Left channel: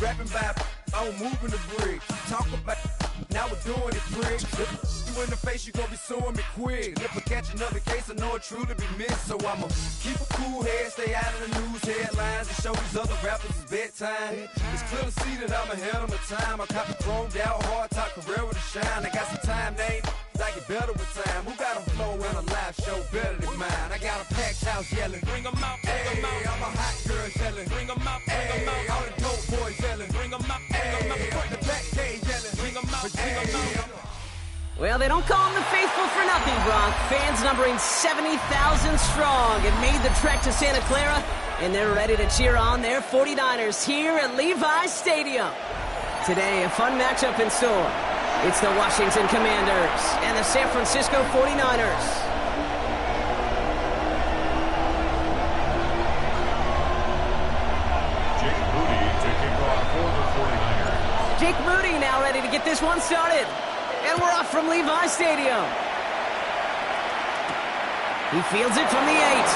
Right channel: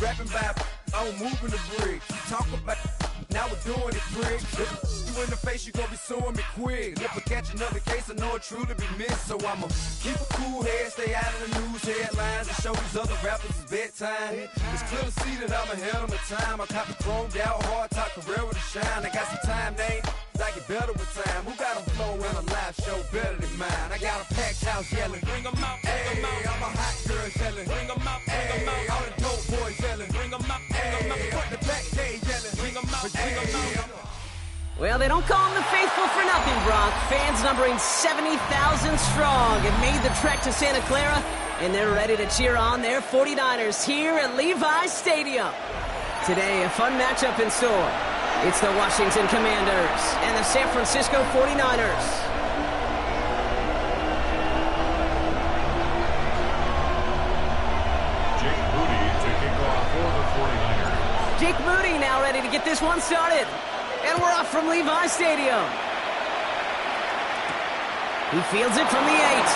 rapping about I'm moving the bricks. Talk about now we're doing it, prick. If you in the face, you gon' be suing me quick. If I catch another case, I know it truly be missed. So I'ma keep a cool head, stay out of the news headlines, and show these other rappers it's bedtime. It's clear to see that I'm ahead of my time. I caught the chromed out, hard top career with a shine. I got some time, they ain't I get better with time. Who got a flow in a live show better than mine? I got a packed house yelling, bring 'em out, bring 'em out. I'm a hot girl yelling, bring 'em out, bring 'em out. All the dope boys yelling, bring 'em out, bring 'em out. Put the back cage yelling, bring 'em out, bring 'em out. Well, they don't call them the faithful for nothing, Bronc. Fans numbering 70,000 strong have made the trek to Santa Clara, and they're ready to cheer on their 49ers here at Levi's Stadium. Today, a fun matchup in store. It's the Washington Commanders and the San Francisco 49ers. Jake Moody to kick off for the 49ers. Jake Moody now ready to get this one started. And we're off from Levi's Stadium. He fields it from the 8.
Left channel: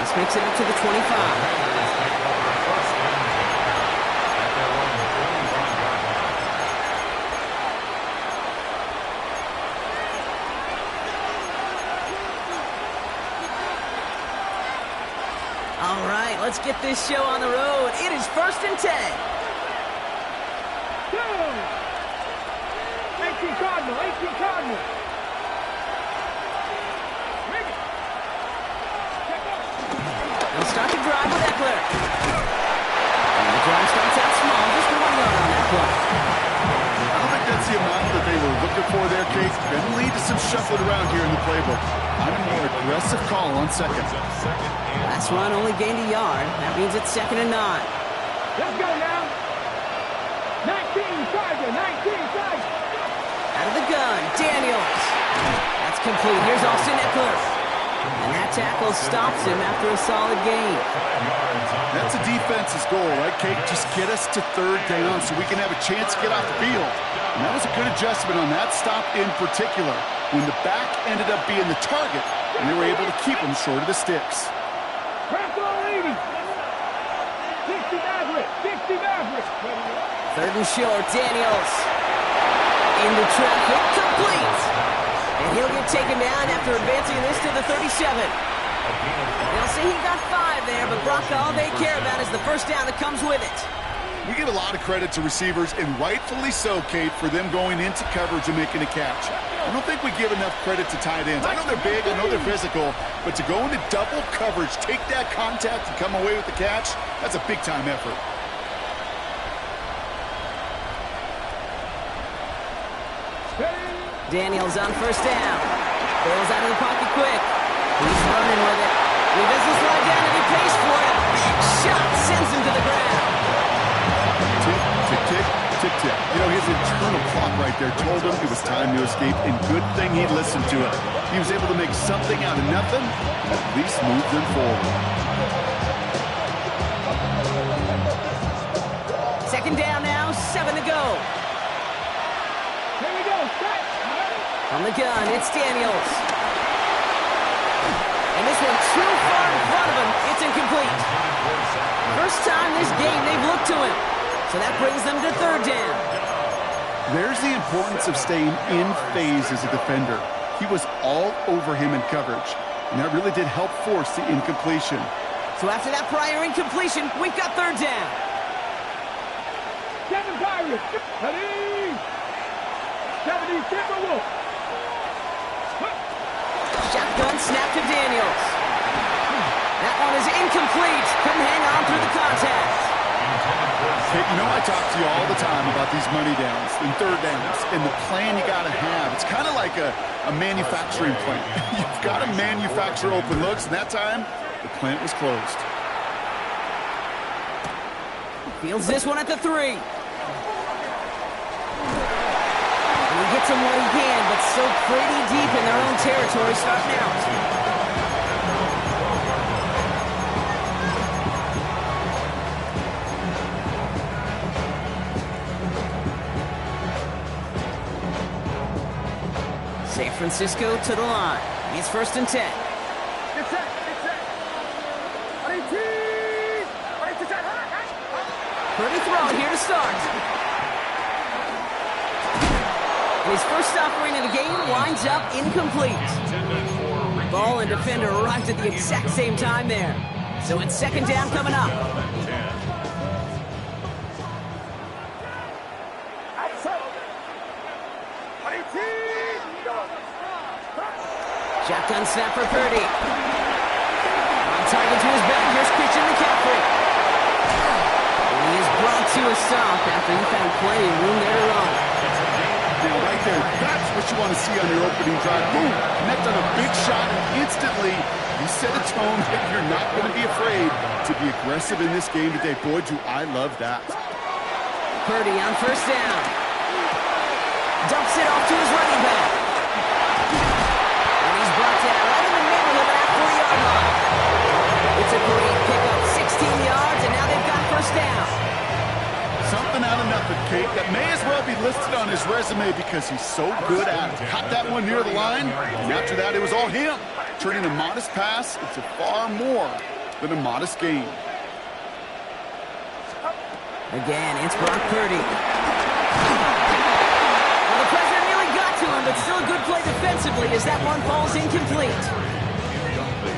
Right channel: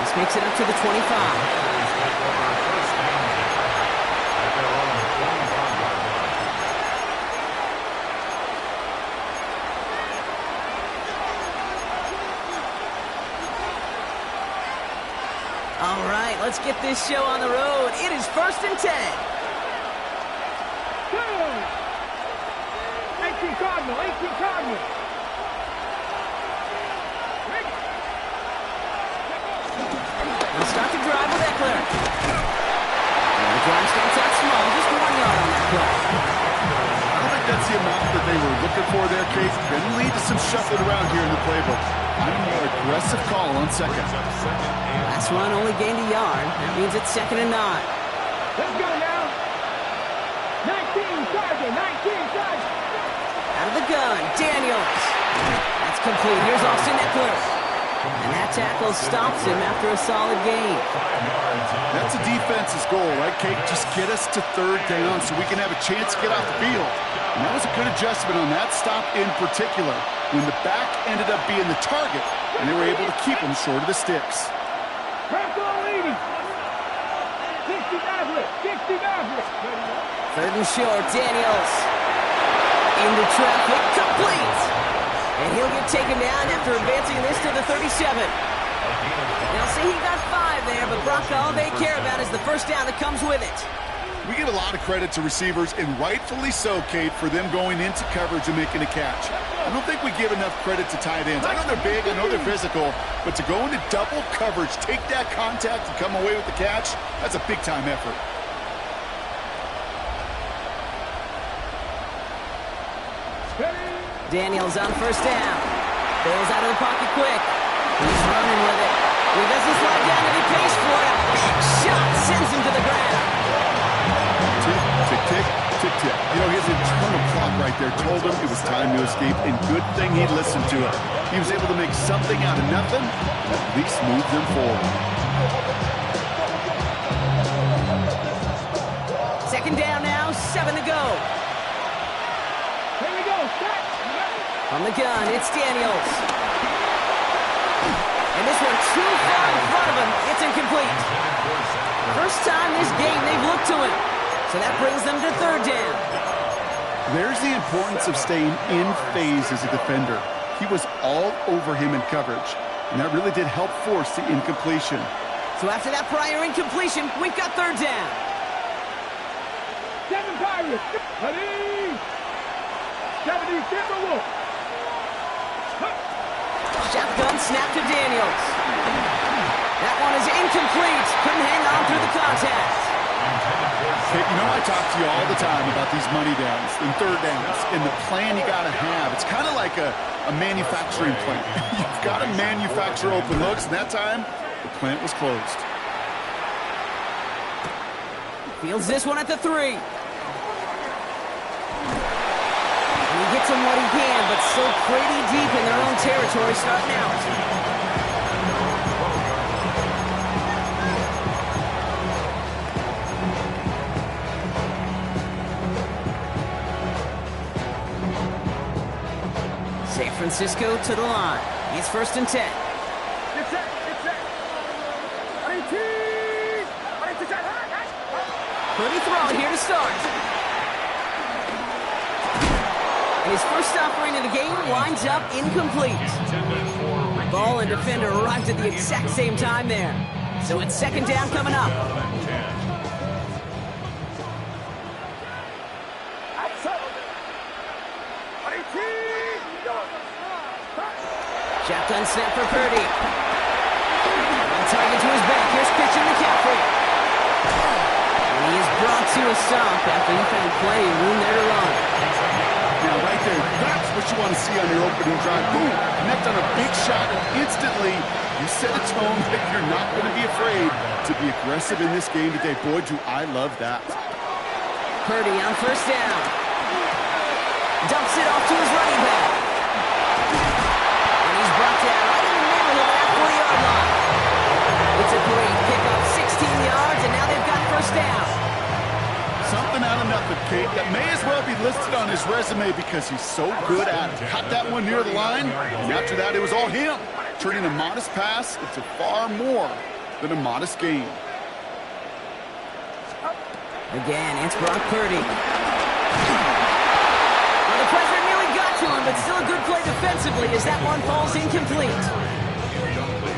This makes it up to the 25. All right, let's get this show on the road. It is 1st and 10. 18 Cardinal, 18 Cardinal. They'll start to drive with Eckler. And the drive starts out small, just 1 yard on that play. I don't think that's the amount that they were looking for there, Kate. Can lead to some shuffling around here in the playbook. I'm a more aggressive call on second. Last run only gained a yard. That means it's 2nd and 9. Let's go now. 19 Charger, 19 Charger. Out of the gun, Daniels. That's complete. Here's Austin Eckler. And that tackle stops him after a solid gain. That's a defense's goal, right, Kate? Just get us to 3rd down so we can have a chance to get off the field. And that was a good adjustment on that stop in particular, when the back ended up being the target, and they were able to keep him short of the sticks. Press on leading. 60 Maverick, 60 Maverick. 3rd and short, Daniels. Into traffic, complete. And he'll get taken down after advancing this to the 37. They'll say he got 5 there, but Brock, all they care about is the 1st down that comes with it. We give a lot of credit to receivers, and rightfully so, Kate, for them going into coverage and making a catch. I don't think we give enough credit to tight ends. I know they're big, I know they're physical, but to go into double coverage, take that contact, and come away with the catch, that's a big-time effort. Daniels on 1st down. Bails out of the pocket quick. He's running with it. He doesn't slide down and he pays for it. Shot sends him to the ground. Tick, tick, tick, tick, tick. You know, his internal clock right there told him it was time to escape, and good thing he listened to it. He was able to make something out of nothing, and at least move them forward. 2nd down now, 7 to go. Here we go, set. From the gun, it's Daniels. And this one too far in front of him. It's incomplete. First time this game they've looked to him. So that brings them to 3rd down. There's the importance of staying in phase as a defender. He was all over him in coverage, and that really did help force the incompletion. So after that prior incompletion, we've got 3rd down. 7 Pirates. Ready. 70 Timberwolves. Shotgun snap to Daniels. That one is incomplete. Couldn't hang on through the contact. Kate, you know I talk to you all the time about these money downs and 3rd downs and the plan you got to have. It's kind of like a manufacturing plant. You've got to manufacture open looks, and that time, the plant was closed. Fields this one at the 3. And he gets him what he can, but still pretty deep in their own territory starting out. San Francisco to the line. It's 1st and 10. Get set, get set. 18. Purdy throwing here to start. And his first offering of the game winds up incomplete. Ball and defender arrived at the exact same time there. So it's second down coming up. Shotgun snap for Purdy. On target to his back. Here's Christian McCaffrey. And he is brought to a stop after he found plenty of room there to run. Now, right there, that's what you want to see on your opening drive. Boom, connect on a big shot, and instantly you set a tone that you're not going to be afraid to be aggressive in this game today. Boy, do I love that. Purdy on first down. Dumps it off to his running back. And he's brought down right in the neighborhood of that 40-yard line. It's a great pickup, 16 yards, and now they've got first down. Something out of nothing, Kate, that may as well be listed on his resume because he's so good at it. Caught that one near the line, and after that, it was all him. Turning a modest pass into far more than a modest gain. Again, it's Brock Purdy. Well, the pressure nearly got to him, but still a good play defensively as that one falls incomplete.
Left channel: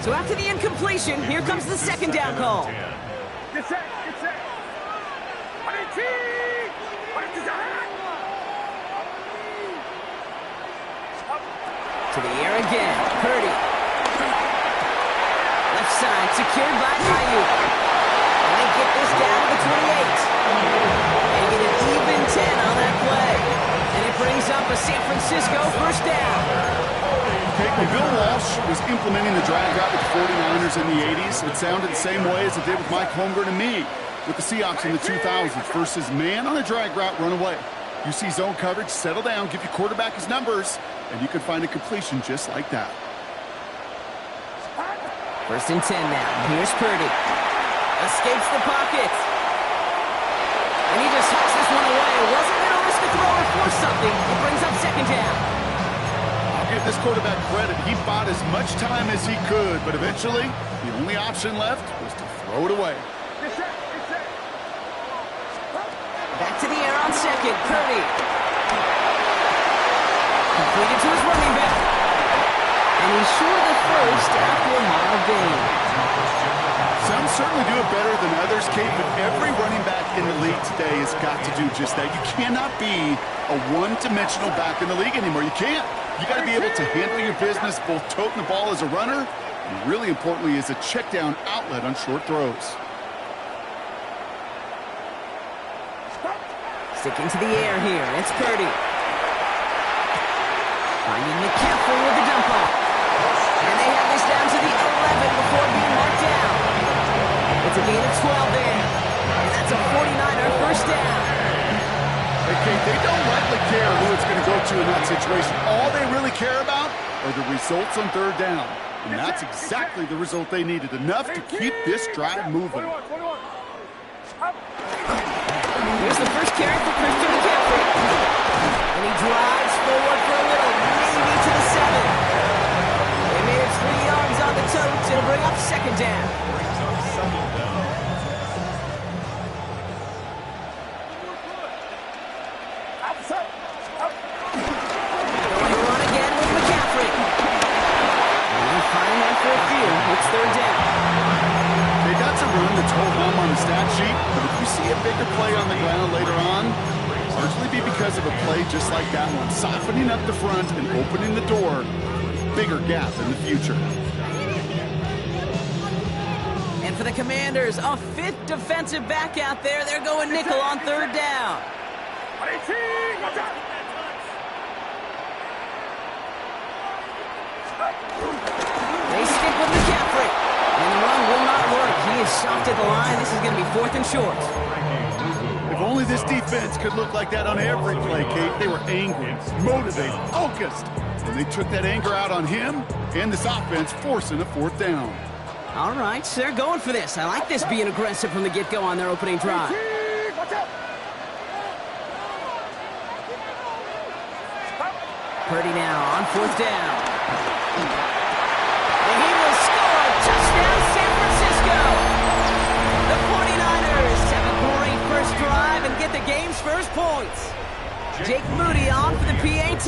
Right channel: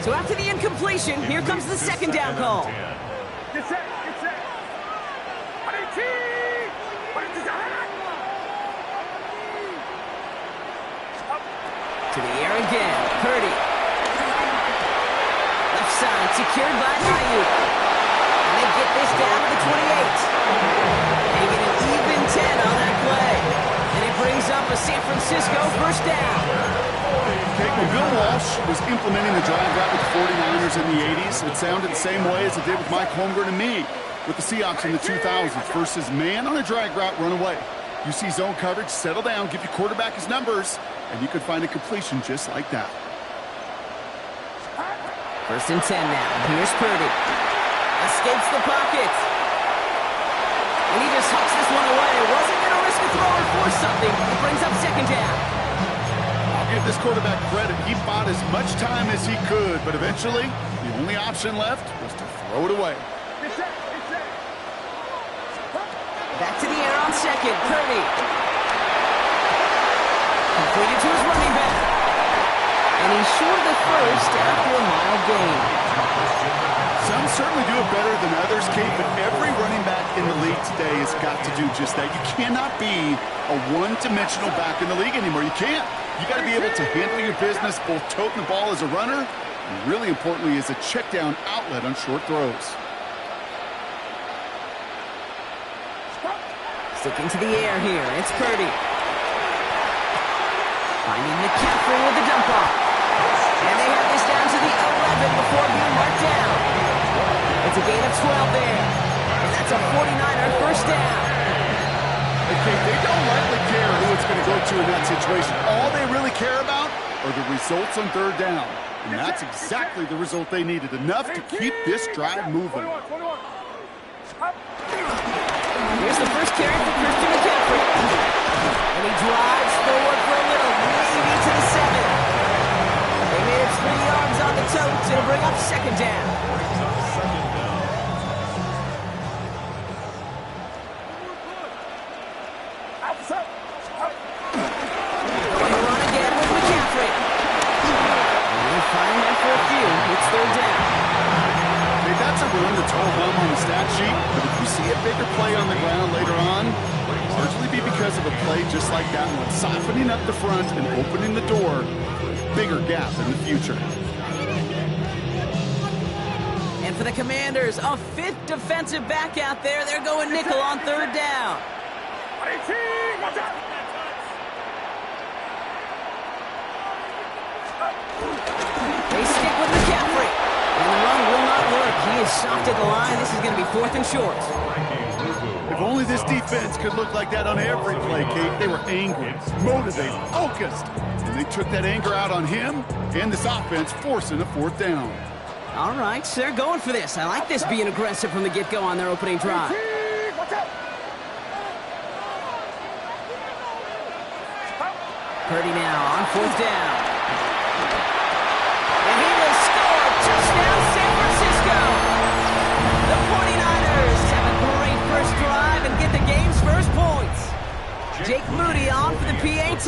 So after the incompletion, here comes the second down call. Get set, get set. To the air again, Purdy. Left side, secured by Ayuk. And they get this down to the 28. They get an even 10 on that play. And it brings up a San Francisco first down. Okay, when Bill Walsh was implementing the drag route with the 49ers in the 80s, it sounded the same way as it did with Mike Holmgren and me with the Seahawks in the 2000s versus man on a drag route, run away. You see zone coverage, settle down, give your quarterback his numbers, and you can find a completion just like that. First and 10 now. Here's Purdy. Escapes the pocket. And he just hucks this one away. Wasn't going to risk a throw or force something. It brings up second down. I'll give this quarterback credit. He bought as much time as he could, but eventually, the only option left was to throw it away. Back to the air on second. Purdy. Completed to his running back. And he's short of the first after a mild gain. Some certainly do it better than others, Kate, but every running back in the league today has got to do just that. You cannot be a one-dimensional back in the league anymore. You can't. You got to be able to handle your business, both toting the ball as a runner, and really importantly as a check-down outlet on short throws. Sticking to the air here. It's Purdy. Finding McCaffrey with the dump off. And they have this down to the 11 before being marked down. It's a gain of 12 there. And that's a 49er first down. Hey, Kate, they don't likely care who it's going to go to in that situation. All they really care about are the results on third down. And that's exactly the result they needed. Enough to keep this drive moving. Here's the first carry for Christian McCaffrey. And he drives forward for a little, maybe to the 7. They made it 3 yards on the totes. It'll bring up second down. Going to run again with McCaffrey. And finally after a few, it's third down. Hey, that's a run that's ho-hum on the stat sheet, but if you see a bigger play on the ground later on, largely be because of a play just like that one, softening up the front and opening the door for a bigger gap in the future. And for the Commanders, a fifth defensive back out there. They're going nickel on third down. They stick with McCaffrey. And the run will not work. He is stopped at the line. This is going to be fourth and short. If only this defense could look like that on every play, Kate. They were angry, motivated, focused. And they took that anger out on him and this offense, forcing a fourth down. All right, so they're going for this. I like this being aggressive from the get-go on their opening drive. Purdy now on fourth down. And he will score. Touchdown, San Francisco. The 49ers have a great first points. Jake Moody on for the PAT.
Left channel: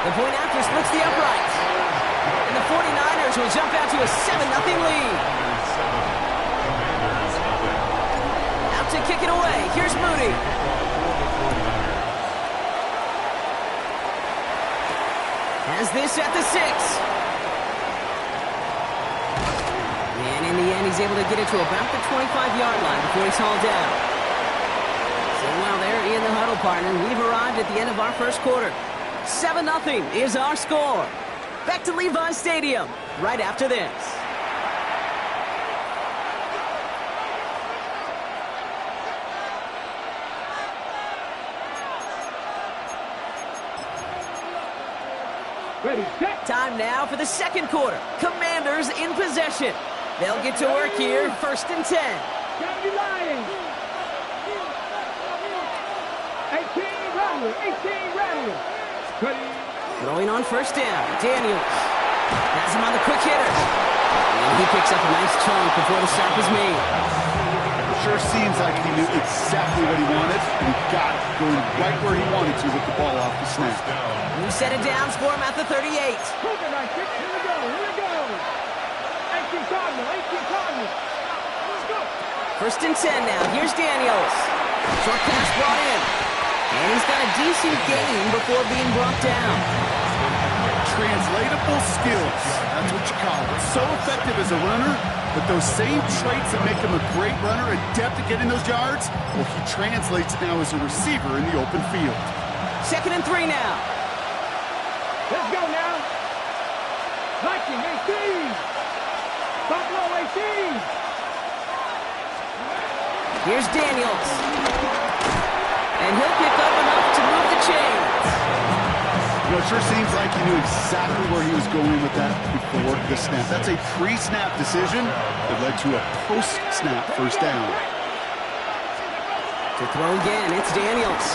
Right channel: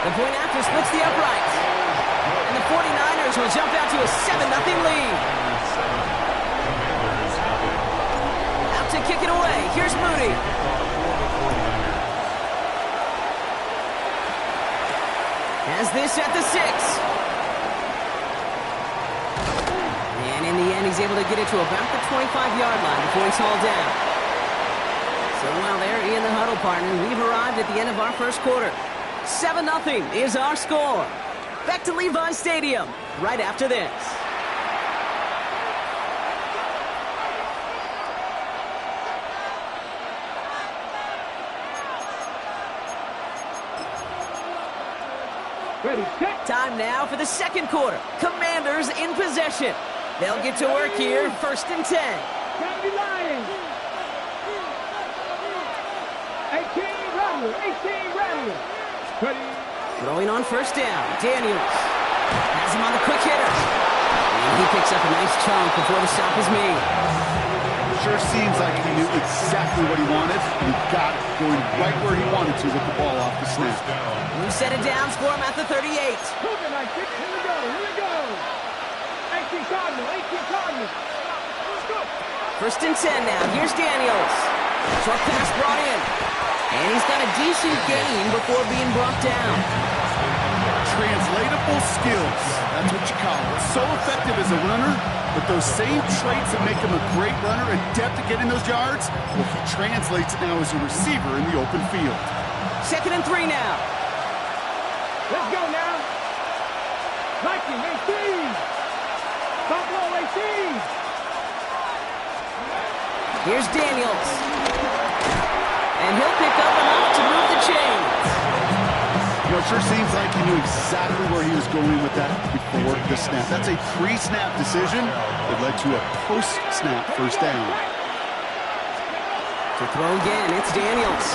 The point after splits the uprights. And the 49ers will jump out to a 7-0 lead. Out to kick it away. Here's Moody. Has this at the 6. And in the end, he's able to get it to about the 25-yard line before he's hauled down. So while they're in the huddle, partner, we've arrived at the end of our first quarter. 7-0 is our score. Back to Levi's Stadium right after this. Ready, set. Time now for the second quarter. Commanders in possession. They'll get to work here, 1st and 10. Gotta be lying. 18 Rattler, 18 Rattler. Ready. Throwing on 1st down, Daniels. Has him on the quick hitter. And he picks up a nice chunk before the stop is made. Sure seems like he knew exactly what he wanted, and he got it, going right where he wanted to with the ball off the snap. New set of downs for him at the 38. Cougar night, here we go, here we go. 18 Cardinal, 18 Cardinal. Let's go. 1st and 10 now. Here's Daniels. Short pass brought in. And he's got a decent gain before being brought down. Translatable skills, that's what you call it. So effective as a runner, but those same traits that make him a great runner, adept at getting those yards, well, he translates it now as a receiver in the open field. 2nd and 3 now. Let's go now. Viking, 18. Buffalo, 18. Here's Daniels. And he'll pick up enough to move the chains. You know, it sure seems like he knew exactly where he was going with that before the snap. That's a pre-snap decision that led to a post-snap 1st down. To throw again, it's Daniels.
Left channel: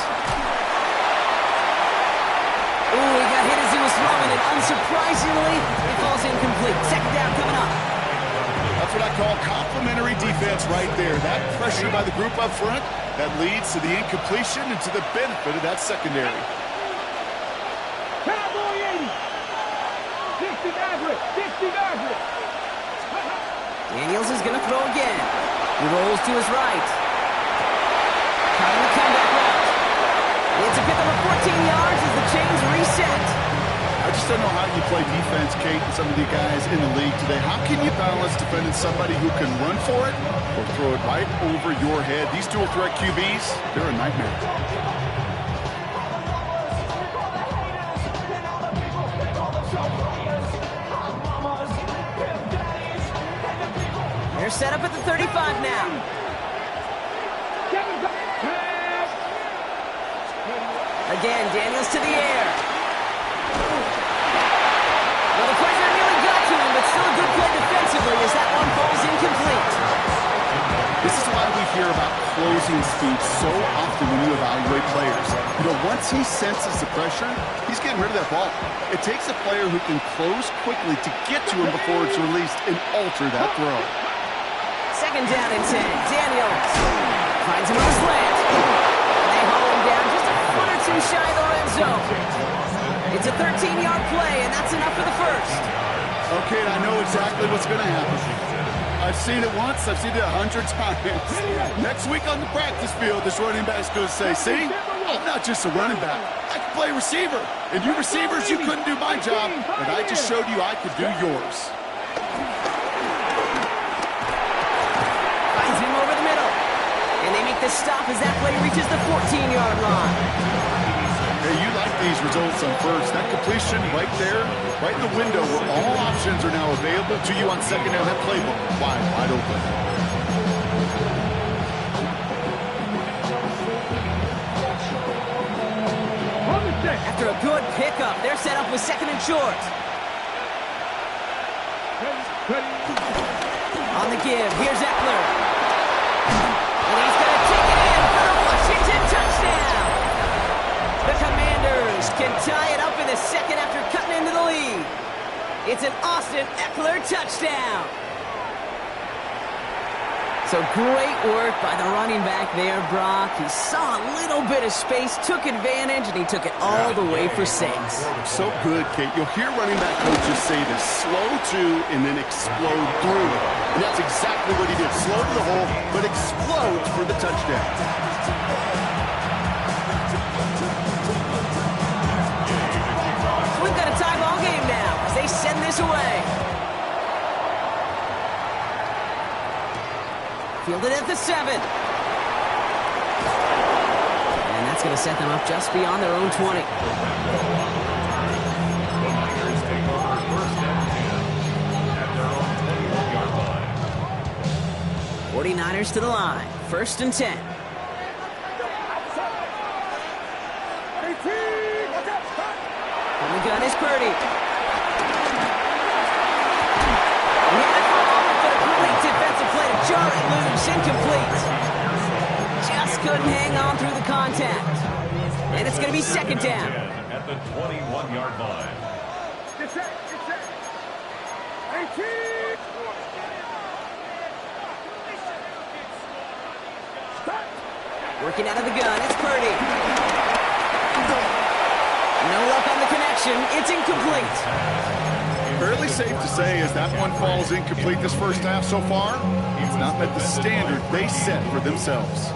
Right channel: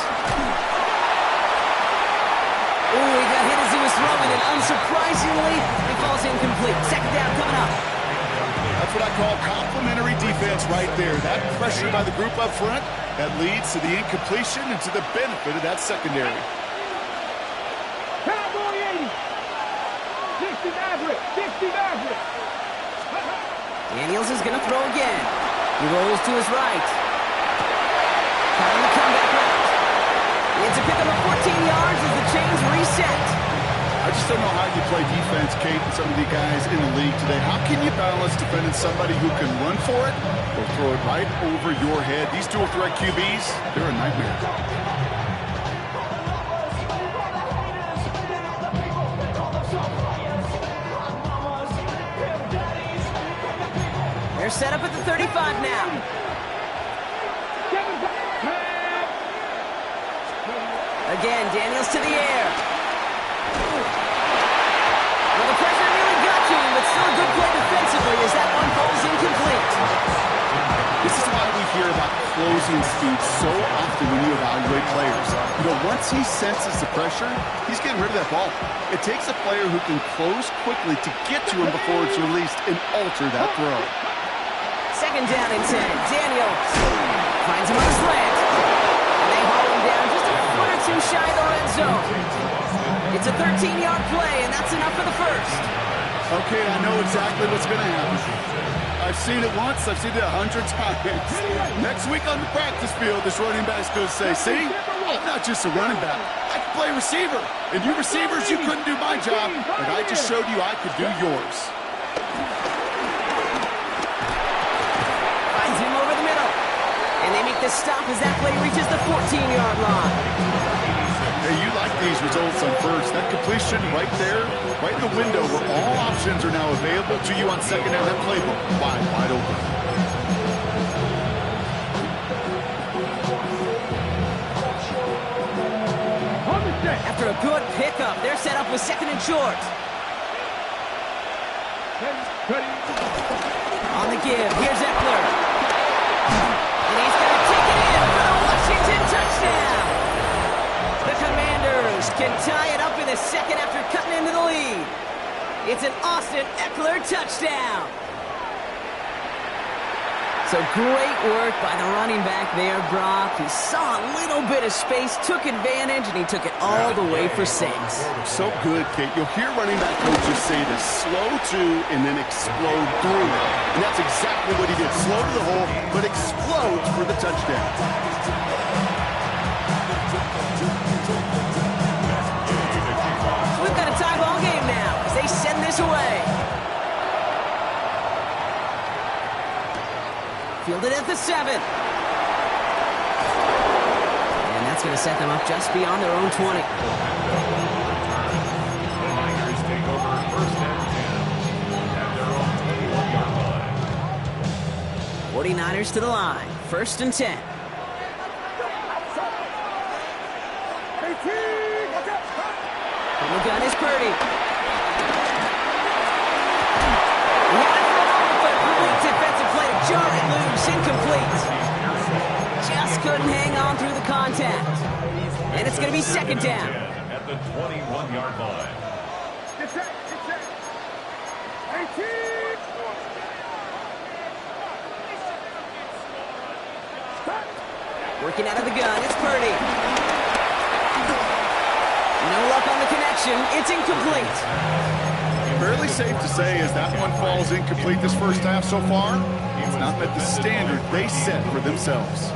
Ooh, he got hit as he was throwing, and unsurprisingly, it falls incomplete. 2nd down coming up. That's what I call complimentary defense right there. That pressure by the group up front, that leads to the incompletion and to the benefit of that secondary. Cowboy 80. 60 Maverick, 60 Maverick. Daniels is going to throw again. He rolls to his right. Caught on the comeback route. It's a pickup of 14 yards as the chains reset. I just don't know how you play defense, Kate, and some of the guys in the league today. How can you balance defending somebody who can run for it or throw it right over your head? These dual threat QBs, they're a nightmare. They're set up at the 35 now. Again, Daniels to the air. Well, the pressure nearly got to him, but still a good play defensively as that one falls incomplete. This is why we hear about closing speed so often when you evaluate players. You know, once he senses the pressure, he's getting rid of that ball. It takes a player who can close quickly to get to him before it's released and alter that throw. 2nd down and 10. Daniels finds him on the slant. And they haul him down just a foot or two shy of the red zone. It's a 13-yard play, and that's enough for the 1st. Okay, I know exactly what's going to happen. I've seen it once. I've seen it 100 times. Next week on the practice field, this running back's going to say, see, I'm not just a running back. I can play receiver. And you receivers, you couldn't do my job, but I just showed you I could do yours. Finds him over the middle. And they make the stop as that play reaches the 14-yard line. Hey, you like these results on 1st. That completion right there, right in the window where all options are now available to you on 2nd down. That playbook wide open. After a good pickup, they're set up with 2nd and short. On the give, here's Eckler. And he's going to take it in for the Washington touchdown. The Commanders can tie it up in the 2nd after cutting into the lead. It's an Austin Eckler touchdown. So great work by the running back there, Brock. He saw a little bit of space, took advantage, and he took it all the way for 6. So good, Kate. You'll hear running back coaches say this: slow to and then explode through it. And that's exactly what he did. Slow to the hole, but explodes for the touchdown. So we've got a tie ball game now as they send this away. Fielded at the 7. And that's going to set them up just beyond their own 20. The Niners take over first and 10 at their own 21-yard line. 49ers to the line. First and 10. On the gun is Purdy. He had it for a moment, but a great defensive play to jar it loose. Incomplete. Just couldn't hang on through the contact. And it's going to be second down. At the 21-yard line. Get set. 18. Working out of the gun, it's Purdy. No luck on the connection. It's incomplete. Fairly safe to say as that one falls incomplete this first half so far, it's not met the standard they set for themselves.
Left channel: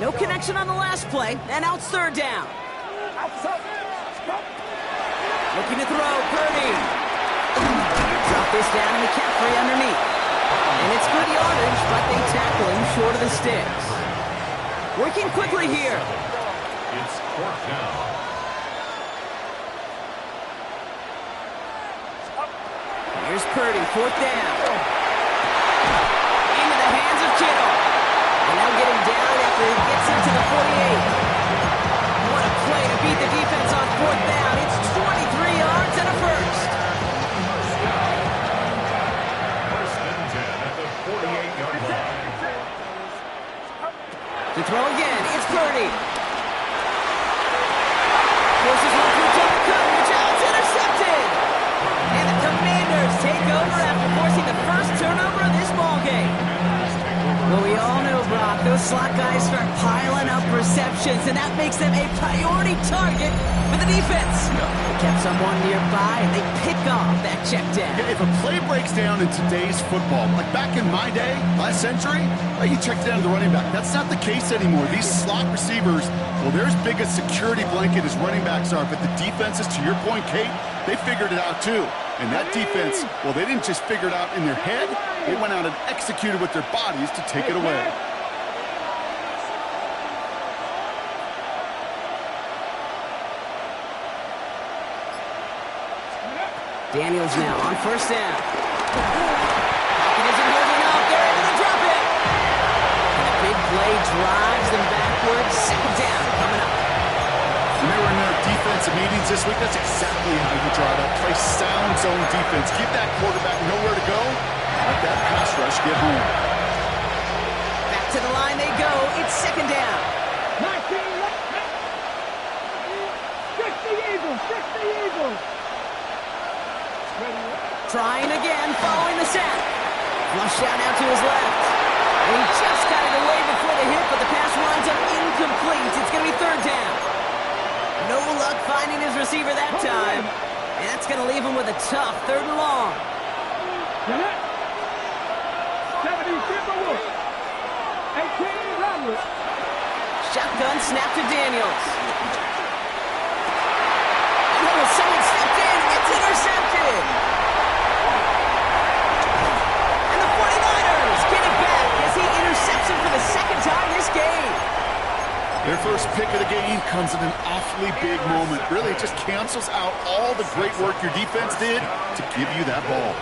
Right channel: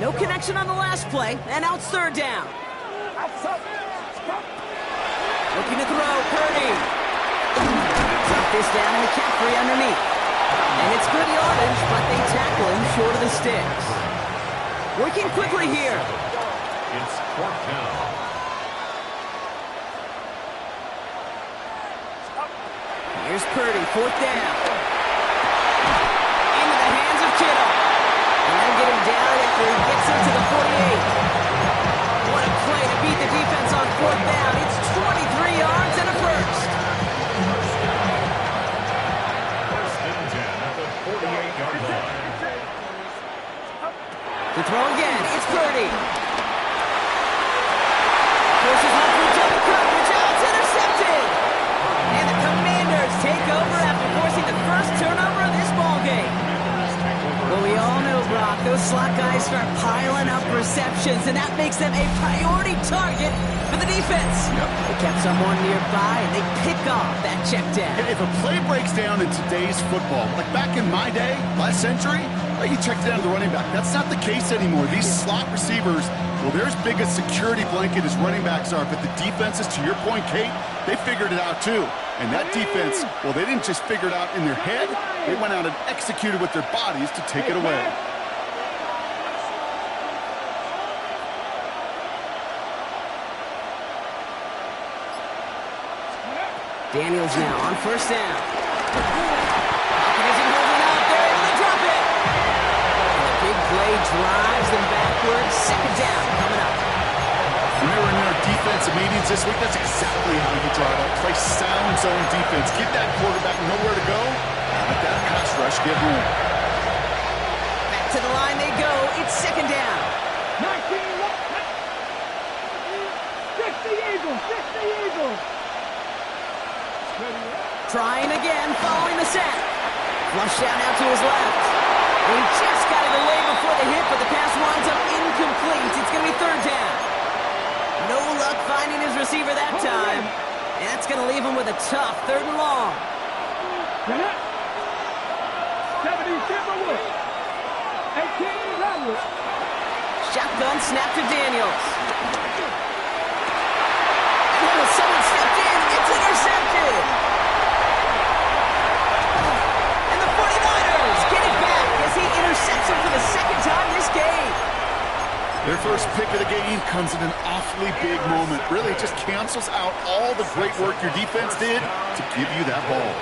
No connection on the last play, and now it's third down. Looking to throw, Purdy. Drop this down to McCaffrey underneath. And it's good yardage, but they tackle him short of the sticks. Working quickly here. It's fourth down. Here's Purdy, fourth down. Into the hands of Kittle. And they'll get him down after he gets into the 48. What a play to beat the defense on fourth down. It's 23 yards and a first. First and 10 at the 48-yard line. To throw again, it's Purdy. Forces one to a double coverage. Oh, it's intercepted. And the Commanders take over after forcing the first turnover of this ballgame. Well, we all know, Brock, those slot guys start piling up receptions, and that makes them a priority target for the defense. They kept someone nearby, and they pick off that check down. If a play breaks down in today's football, like back in my day, last century, you checked down the running back. That's not the case anymore. These slot receivers, well, they're as big a security blanket as running backs are, but the defenses, to your point, Kate, they figured it out too. And that defense, well, they didn't just figure it out in their head. They went out and executed with their bodies to take it away. Daniels now on first down. Pocket isn't holding up. They're able to drop it. And the big play drives them backwards. Second down coming up. When they were in their defensive meetings this week, that's exactly how you draw it up. Play sound zone defense. Give that quarterback nowhere to go. Let that pass rush get home. Back to the line they go. It's second down. 19. Stick the Eagles. Trying again, following the sack. Flush out now to his left. And he just got it away before the hit, but the pass winds up incomplete. It's going to be third down. No luck finding his receiver that time. And that's going to leave him with a tough third and long. 70 Timberwolves. 18 Rodwood. Shotgun snap to Daniels. And someone stepped in. It's intercepted. And the 49ers get it back as he intercepts him for the second time this game. Their first pick of the game comes in an awfully big moment. Really, it just cancels out all the great work your defense did to give you that ball.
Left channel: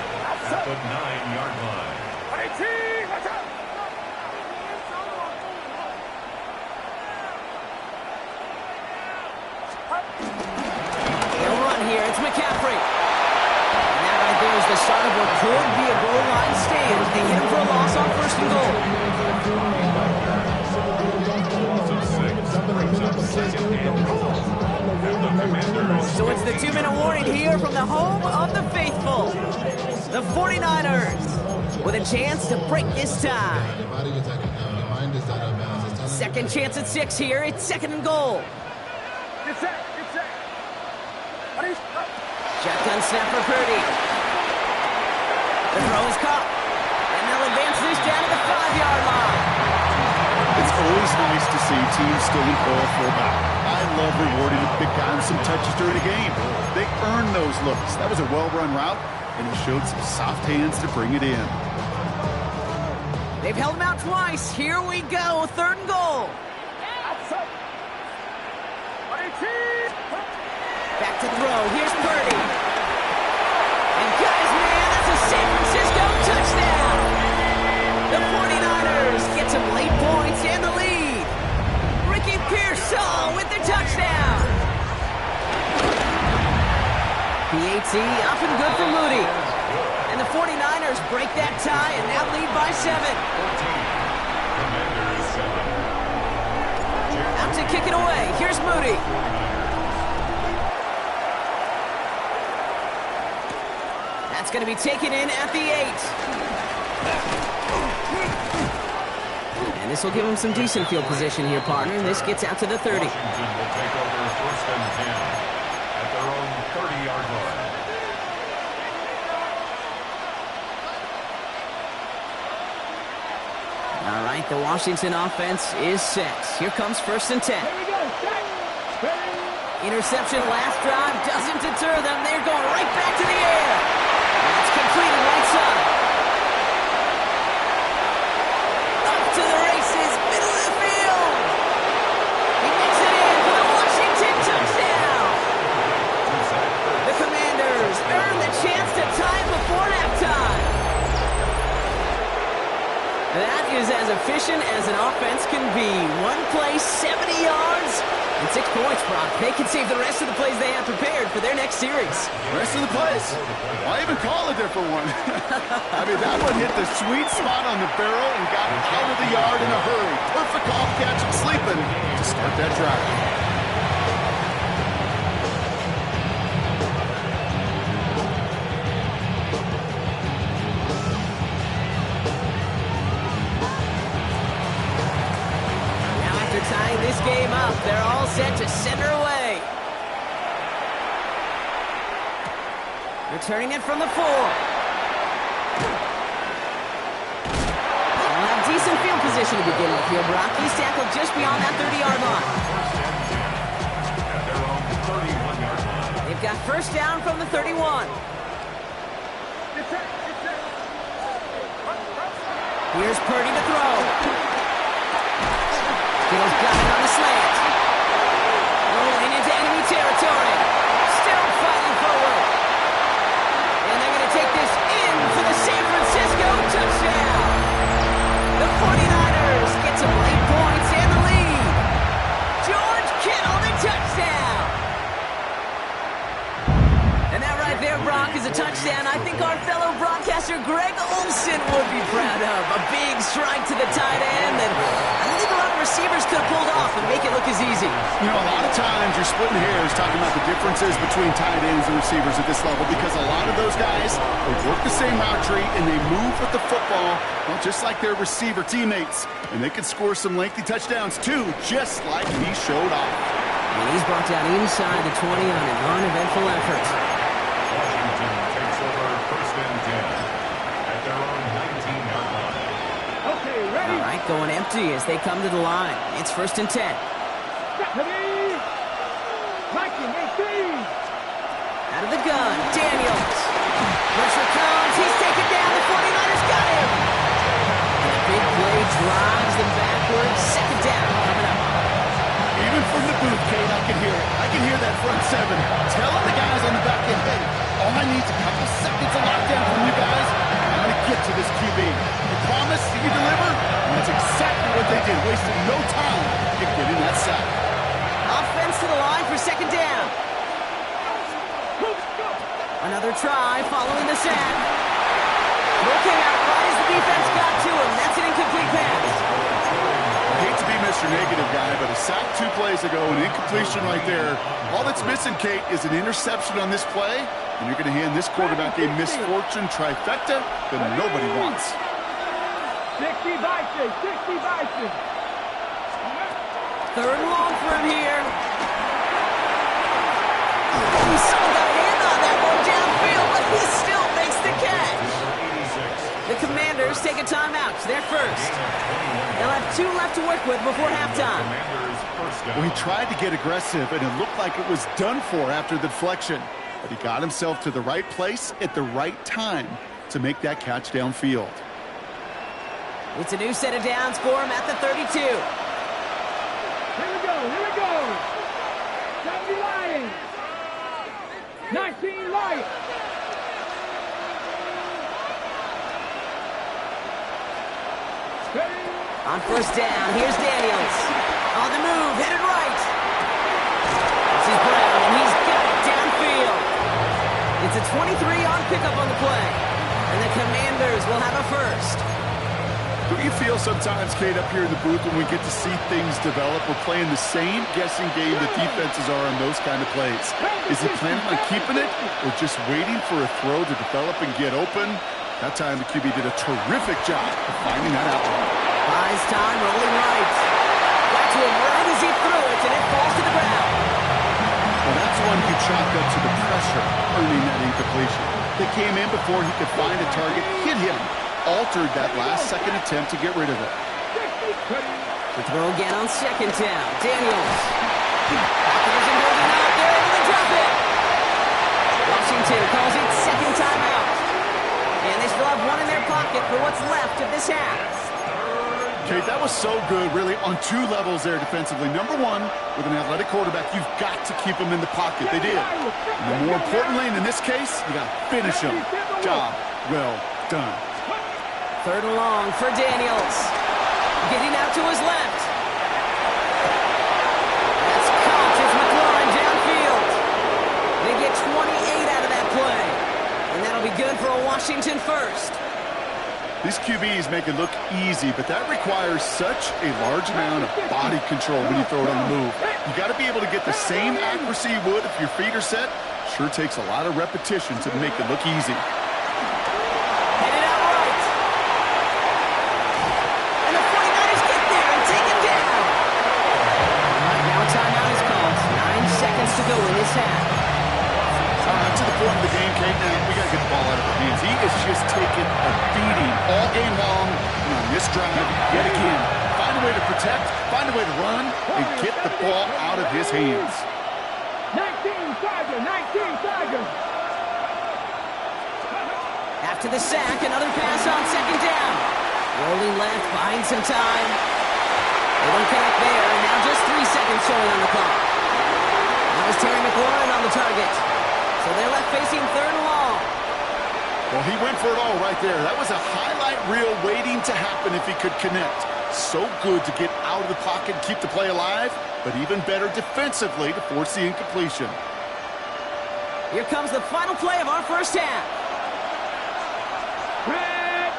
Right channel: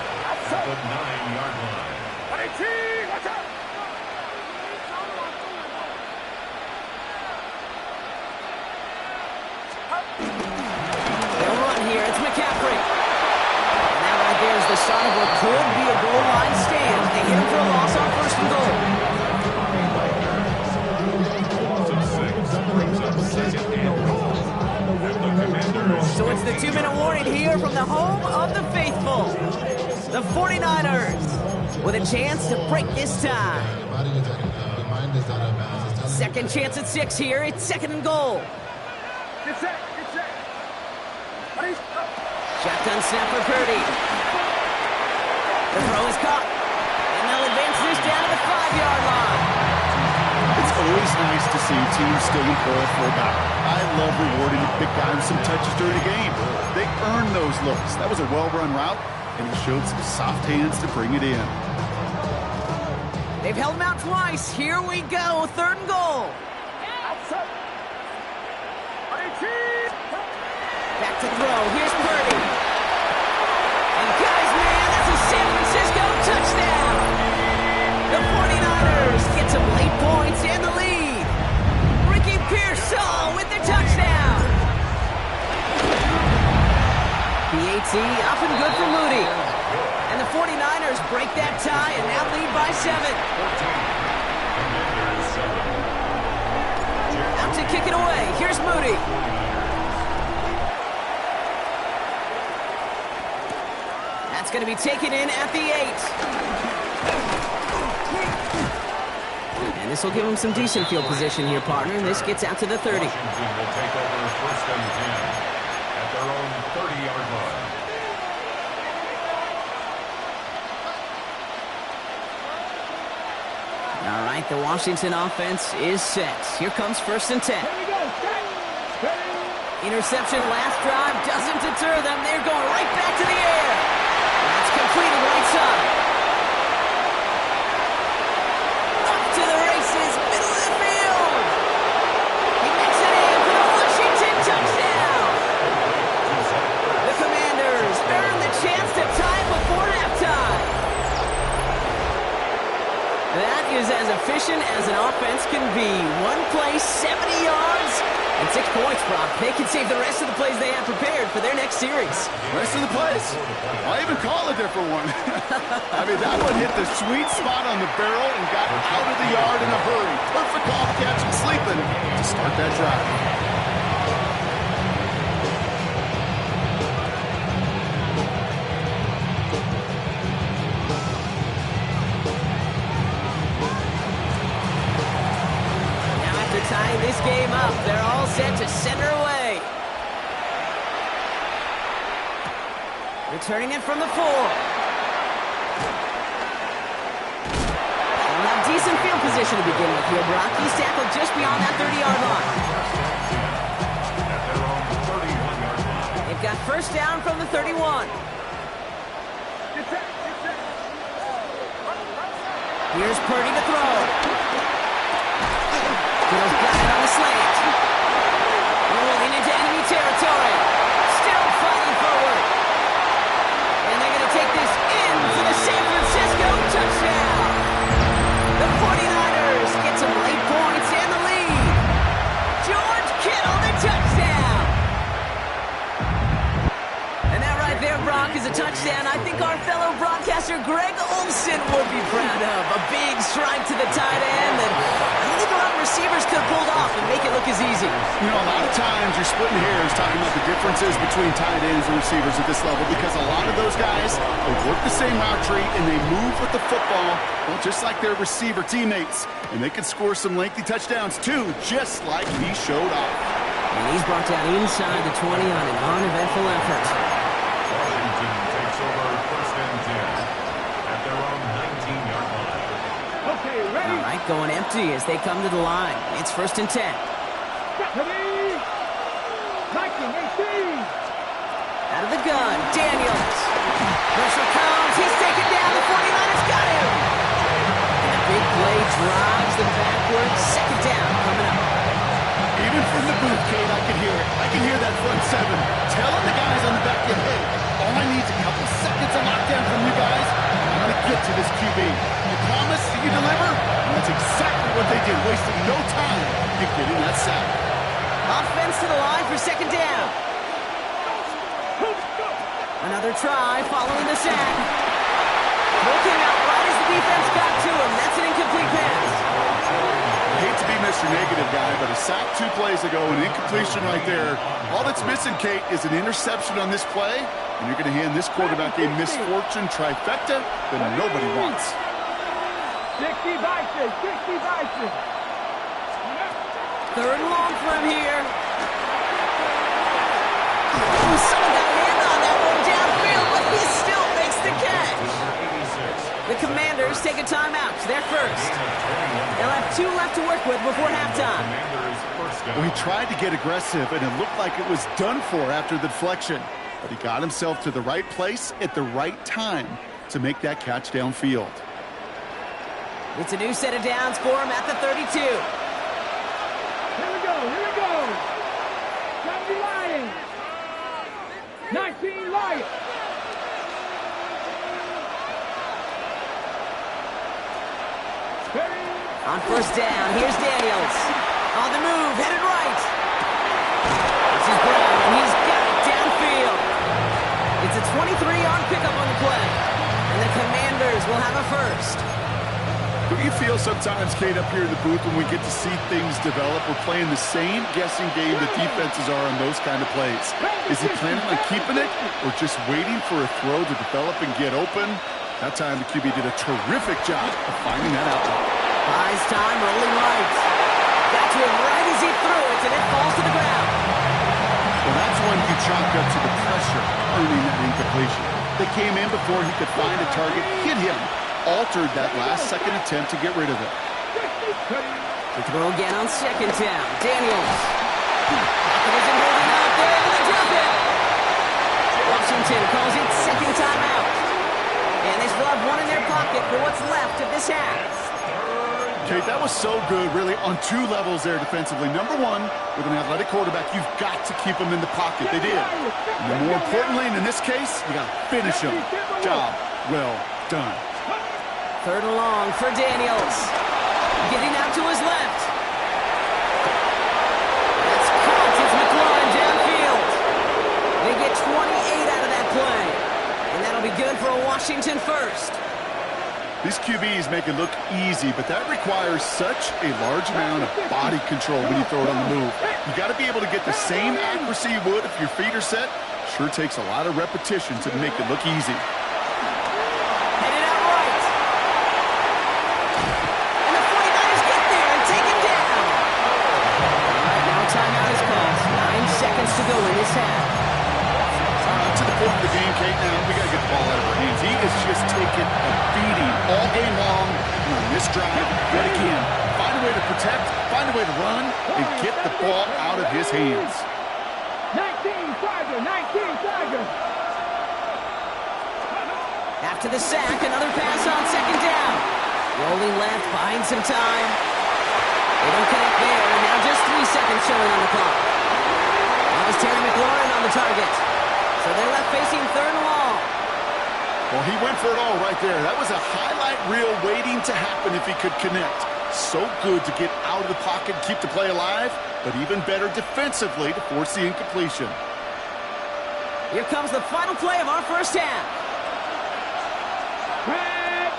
At the 9-yard line. 18, watch out! They'll run here. It's McCaffrey. And that right there is the start of what could be a goal line stand. They hit him for a loss on first and goal. So it's the 2-minute warning here from the home of the faithful. The 49ers with a chance to break this tie. Second chance at 6 here. It's second and goal. Get set. Shotgun snap for Purdy. The throw is caught. And they'll advance this down to the 5-yard line. It's always nice to see teams still employ a fullback. I love rewarding a big guy with some touches during a game. They earn those looks. That was a well-run route, and he showed some soft hands to bring it in. They've held him out twice. Here we go. Third and goal. Back to throw. Here's Purdy. And guys, man, that's a San Francisco touchdown. The 49ers get some late points and the lead. Ricky Pearsall with the touchdown. PAT up and good for Moody. And the 49ers break that tie and now lead by 7. Out to kick it away. Here's Moody. That's going to be taken in at the 8. And this will give him some decent field position here, partner. This gets out to the 30. Washington will take over first and 10 at their own 30-yard line. All right, the Washington offense is set. Here comes first and 10. Here we go. Set. Interception last drive doesn't deter them. They're going right back to the air. That's completed right side. Up to the races, middle of the field. He makes it in for the Washington touchdown. The Commanders earn the chance to tie it before halftime. That is as efficient as an offense can be. One play, 70 yards, and 6 points, Brock. They can save the rest of the plays they have prepared for their next series. Rest of the plays? Why even call a different one? I mean, that one hit the sweet spot on the barrel and got out of the yard in a hurry. Perfect off catch and sleeping to start that drive. Tying this game up, they're all set to send her away. Returning it from the 4. They'll have decent field position to begin with here, Brock. He's tackled just beyond that 30-yard line. At their own 31-yard line. They've got first down from the 31. Here's Purdy to throw. Kittle's got it on the slant. Rolling into enemy territory. Still fighting forward. And they're going to take this in for the San Francisco touchdown. The 49ers get some late points and the lead. George Kittle, the touchdown. And that right there, Brock, is a touchdown I think our fellow broadcaster Greg Olsen would be proud of. A big strike to the tight end that I don't think a lot of receivers could have pulled off and make it look as easy. You know, a lot of times you're splitting hairs talking about the differences between tight ends and receivers at this level because a lot of those guys, they work the same route tree and they move with the football, well, just like their receiver teammates. And they can score some lengthy touchdowns too, just like he showed off. And he's brought down inside the 20 on an uneventful effort. Washington takes over first and 10 at their own 19-yard line. Okay, ready? All right, going empty as they come to the line. It's first and 10. Ready? Liking 18. Out of the gun, Daniels. Pressure comes. He's taken down. The 49ers got him. And a big play drives them backwards. Second down coming up. Even from the booth, Kate, I can hear it. I can hear that front 7 telling the guys on the back end, hey, all I need is a couple seconds of lockdown from you guys. I'm going to get to this QB. You promise you deliver? And that's exactly what they did, wasting no time in getting that sack. Offense to the line for second down. Another try following the sack. Throw came out right as the defense got to him. That's an incomplete pass. I hate to be Mr. Negative guy, but a sack 2 plays ago, an incompletion right there. All that's missing, Kate, is an interception on this play, And you're going to hand this quarterback a misfortune trifecta that nobody wants. 60 Bison, 60 Bison. Third and long for him here. Ooh, someone got a hand on that one downfield, but he still makes the catch. The Commanders take a timeout. They're first. They'll have 2 left to work with before halftime. Well, he tried to get aggressive, and it looked like it was done for after the deflection. But he got himself to the right place at the right time to make that catch downfield. It's a new set of downs for him at the 32. Here we go, here we go. 70 Lions. 19 Lions. On first down, here's Daniels. On the move, headed right. This is Brown, and he's got it downfield. It's a 23-yard pickup on the play. And the Commanders will have a first. Don't you feel sometimes, Kate, up here in the booth when we get to see things develop? We're playing the same guessing game that defenses are on those kind of plays. Is he planning on keeping it or just waiting for a throw to develop and get open? That time the QB did a terrific job of finding that outlet. Buys time, rolling right. Got to him right as he threw it, and it falls to the ground. Well, that's one you chalk up to the pressure earning that incompletion. They came in before he could find a target, hit him, altered that last-second attempt to get rid of it. To throw again on second down. Daniels. Pocket isn't holding up. They're able to drop it. Washington calls it second timeout. And they still have one in their pocket for what's left of this half. Kate, that was so good, really, on 2 levels there defensively. Number one, with an athletic quarterback, you've got to keep him in the pocket. They did. And then more importantly, and in this case, you got to finish him. Job well done. Third and long for Daniels. Getting out to his left. That's caught. It's McLaurin downfield. They get 28 out of that play. And that'll be good for a Washington first. These QBs make it look easy, but that requires such a large amount of body control when you throw it on the move. You got to be able to get the same accuracy you would if your feet are set. Sure takes a lot of repetition to make it look easy. Headed out right. And the 49ers get there and take him down. All right, now a timeout is called. 9 seconds to go in this half. To the point of the game, Kate, now we got to get the ball out of our hands. He is just taking a beating all game long, and on this drive, yet again, find a way to protect, find a way to run, and get the ball out of his hands. 19 Tiger, 19 Tiger. After the sack, another pass on second down. Rolling left, buying some time. They don't connect there, and now just 3 seconds showing on the clock. That was Terry McLaurin on the target. So they're left facing third and long. Well, he went for it all right there. That was a highlight reel waiting to happen if he could connect. So good to get out of the pocket and keep the play alive, but even better defensively to force the incompletion. Here comes the final play of our first half. Red.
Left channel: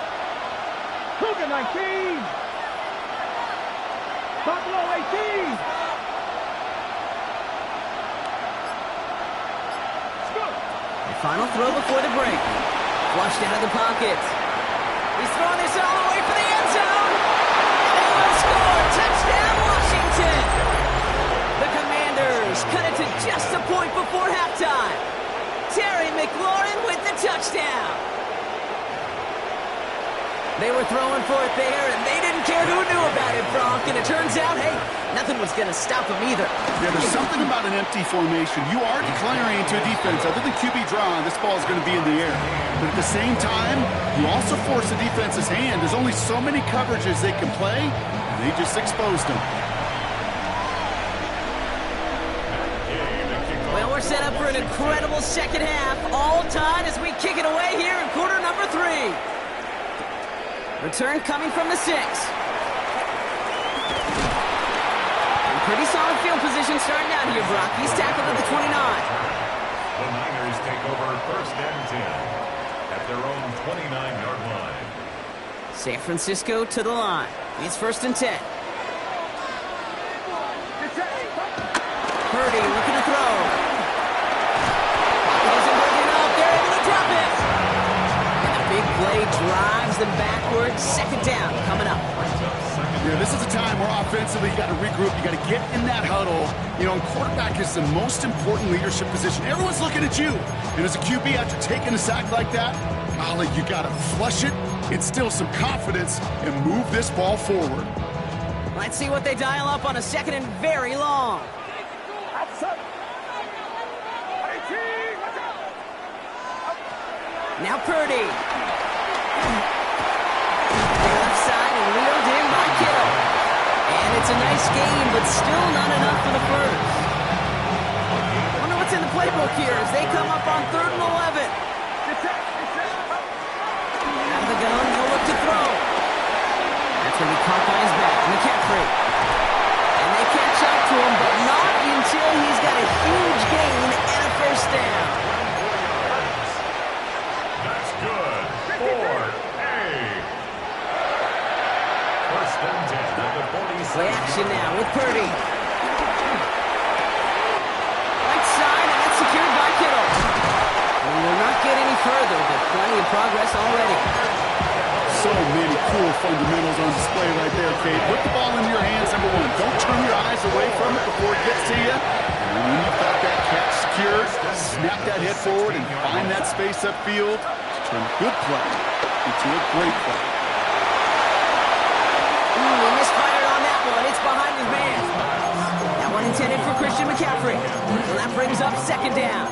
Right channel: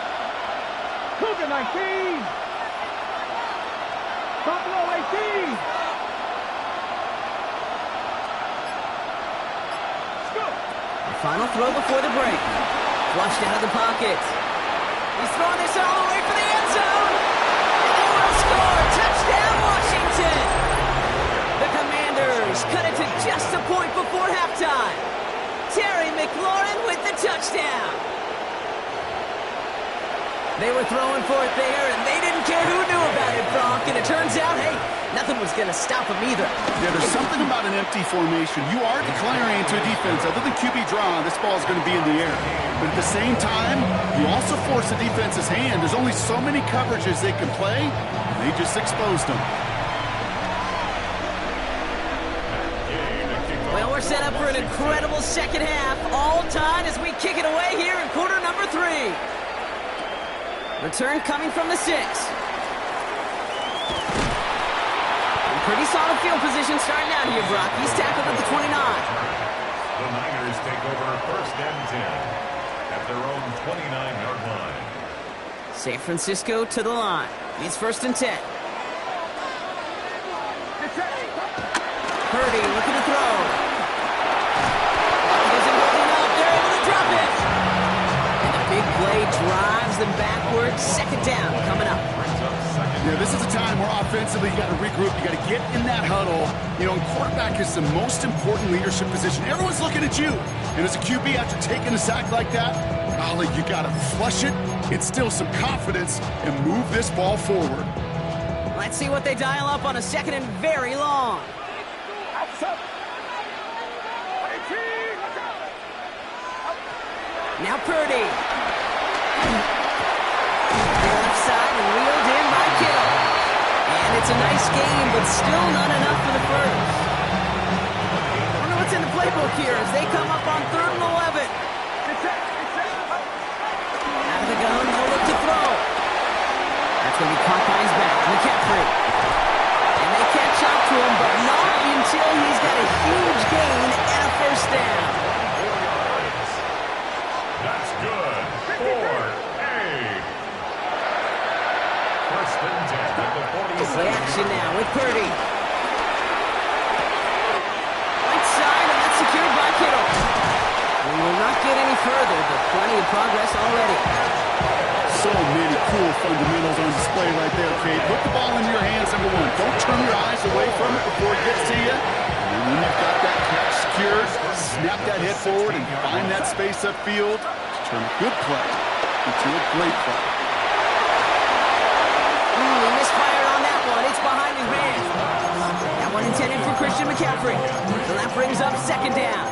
Cougar 19. Buffalo 18. The final throw before the break. Flushed out of the pocket. He's throwing this all the way for the end zone. And they will score. Touchdown, Washington. The Commanders cut it to just a point before halftime. Terry McLaurin with the touchdown. They were throwing for it there, and they didn't care who knew about it, Bronk. And it turns out, hey, nothing was going to stop them either. Yeah, there's something about an empty formation. You are declaring to a defense, other than QB draw, this ball is going to be in the air. But at the same time, you also force the defense's hand. There's only so many coverages they can play, and they just exposed them. Well, we're set up for an incredible second half. All tied as we kick it away here in quarter number 3. Return coming from the 6. Pretty solid field position starting out here, Brock. He's tackled at the 29. The Niners take over first and 10 at their own 29-yard line. San Francisco to the line. It's first and 10. Purdy looking to throw. Pocket isn't holding up. play, drives them backwards. Second down coming up. Yeah, this is a time where offensively you got to regroup. You got to get in that huddle. You know, and quarterback is the most important leadership position. Everyone's looking at you. And as a QB, after taking a sack like that, golly, you got to flush it, instill some confidence, and move this ball forward. Let's see what they dial up on a second and very long. Now Purdy. The left side and reeled in by Kittle. And it's a nice game, but still not enough for the first. Wonder what's in the playbook here as they come up on 3rd and 11. Out of the gun, he'll look to throw. That's when he caught by his back. McCaffrey. And they catch up to him, but not until he's got a huge gain and a first down. That's good for A. First and 10 at the 46. Play action now with Purdy. Right side, and that's secured by Kittle. We will not get any further, but plenty of progress already. So many cool fundamentals on display right there, Kate. Put the ball into your hands, number one. Don't turn your eyes away from it before it gets to you. And when you've got that catch secured, snap that head forward and find that space upfield to turn a good play into a great play. He misfired on that one. It's behind his man. That one intended for Christian McCaffrey. So that brings up second down.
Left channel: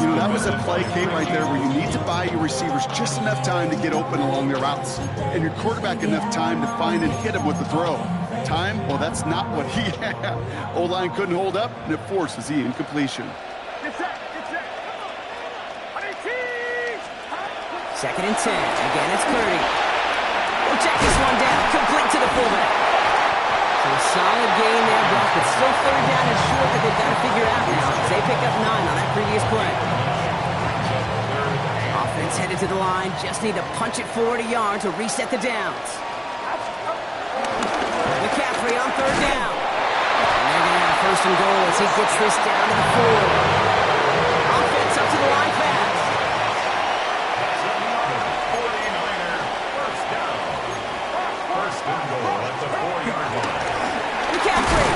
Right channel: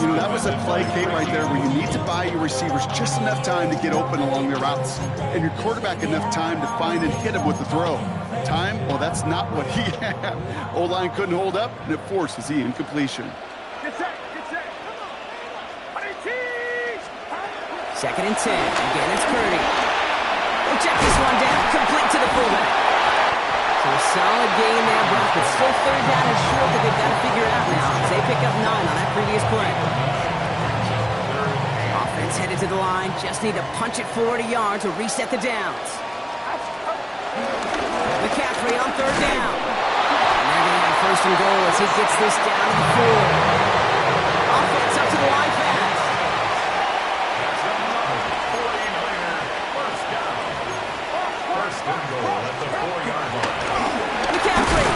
You know, that was a play, Kate, right there where you need to buy your receivers just enough time to get open along their routes. And your quarterback enough time to find and hit him with the throw. Time? Well, that's not what he had. O-line couldn't hold up, and it forces the incompletion. Get set, get set. Second and 10. Again, it's Purdy. We'll check this one down. Complete to the fullback. So a solid gain there, Brock, but still 3rd down and short that they've got to figure out now as they pick up 9 on that previous play. Offense headed to the line. Just need to punch it forward a yard to reset the downs. McCaffrey on 3rd down. And they're going to have 1st and goal as he gets this down to the 4. Offense up to the line fast. That's another 49er first down. First and goal at the 4-yard line. McCaffrey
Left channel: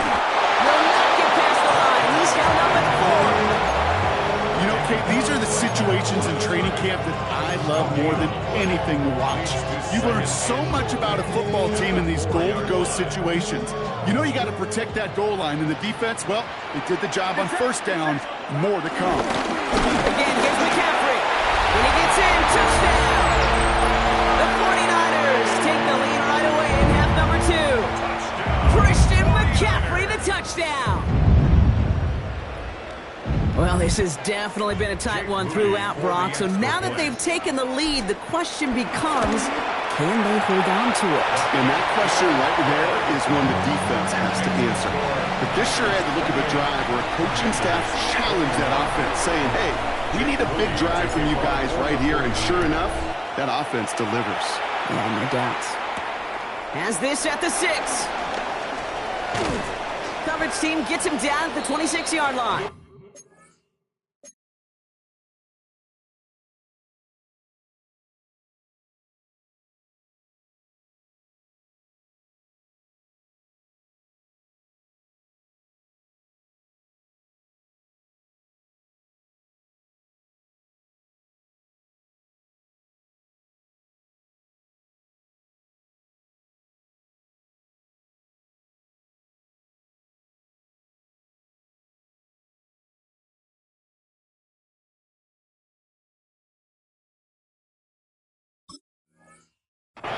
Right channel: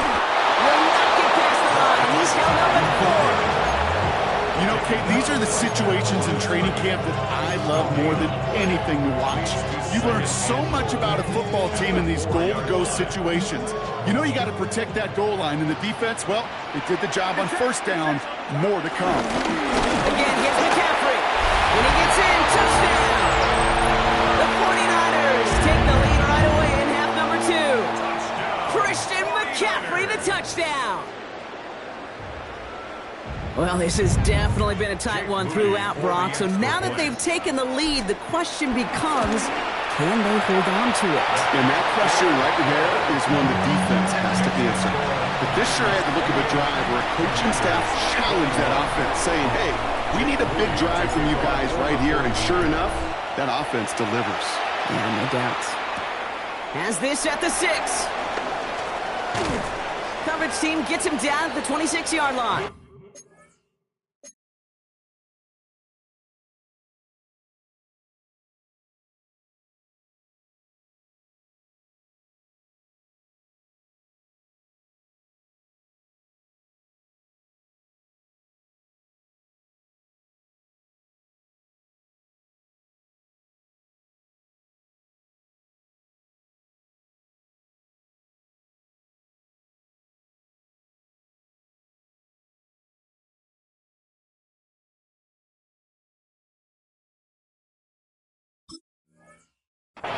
will not get past the line. He's held up at 4. You know, Kate, these are the situations in training camp that I love more than anything to watch. You learn so much about a football team in these goal-to-go situations. You know you got to protect that goal line, and the defense, well, they did the job on 1st down. More to come. Again, gets McCaffrey. When he gets in, touchdown. The 49ers take the lead right away in half number 2. Touchdown. Christian McCaffrey, the touchdown. Well, this has definitely been a tight one throughout, Brock. So now that they've taken the lead, the question becomes, can they hold on to it? And that question right there is one the defense has to answer. But this sure had the look of a drive where a coaching staff challenged that offense, saying, hey, we need a big drive from you guys right here. And sure enough, that offense delivers. Yeah, no doubt. Has this at the 6. Coverage team gets him down at the 26-yard line.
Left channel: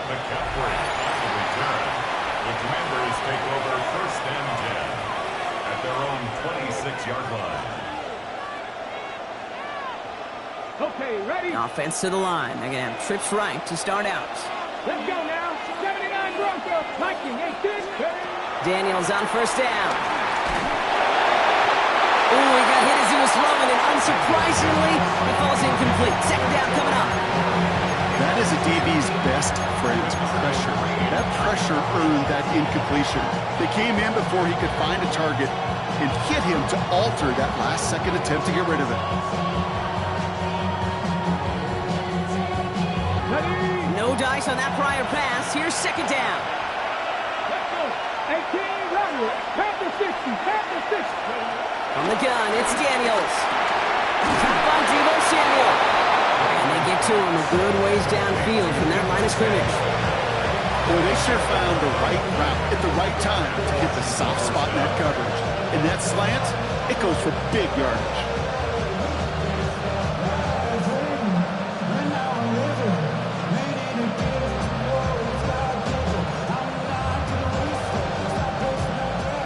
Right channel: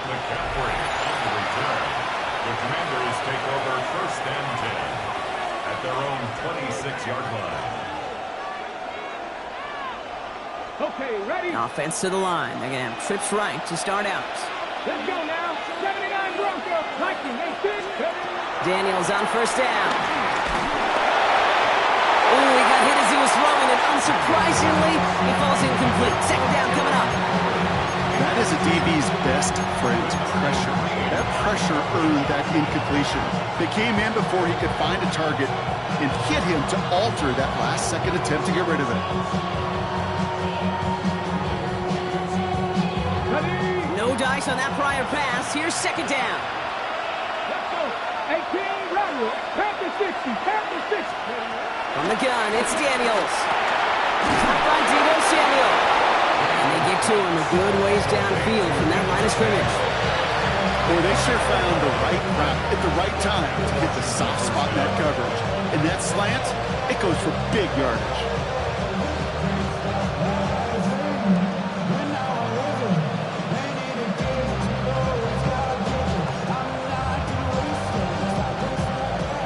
McCaffrey on the return. The Commanders take over 1st and 10 at their own 26-yard line. Okay, ready? Offense to the line. They're going to have trips right to start out. Let's go now. 79 Bronco. Viking, 18. Daniels on 1st down. Ooh, he got hit as he was throwing, and unsurprisingly, it falls incomplete. Second down coming up. That is a DB's best friend, pressure. That pressure earned that incompletion. They came in before he could find a target and hit him to alter that last-second attempt to get rid of it. no dice on that prior pass. Here's second down. Let's go. 18, rattle it. Panther 60, Panther 60. From the gun, it's Daniels. Top by Deebo Samuel. And they get to him a good ways downfield from that line of scrimmage. Boy, they sure found the right route at the right time to hit the soft spot in that coverage. And that slant, it goes for big yardage.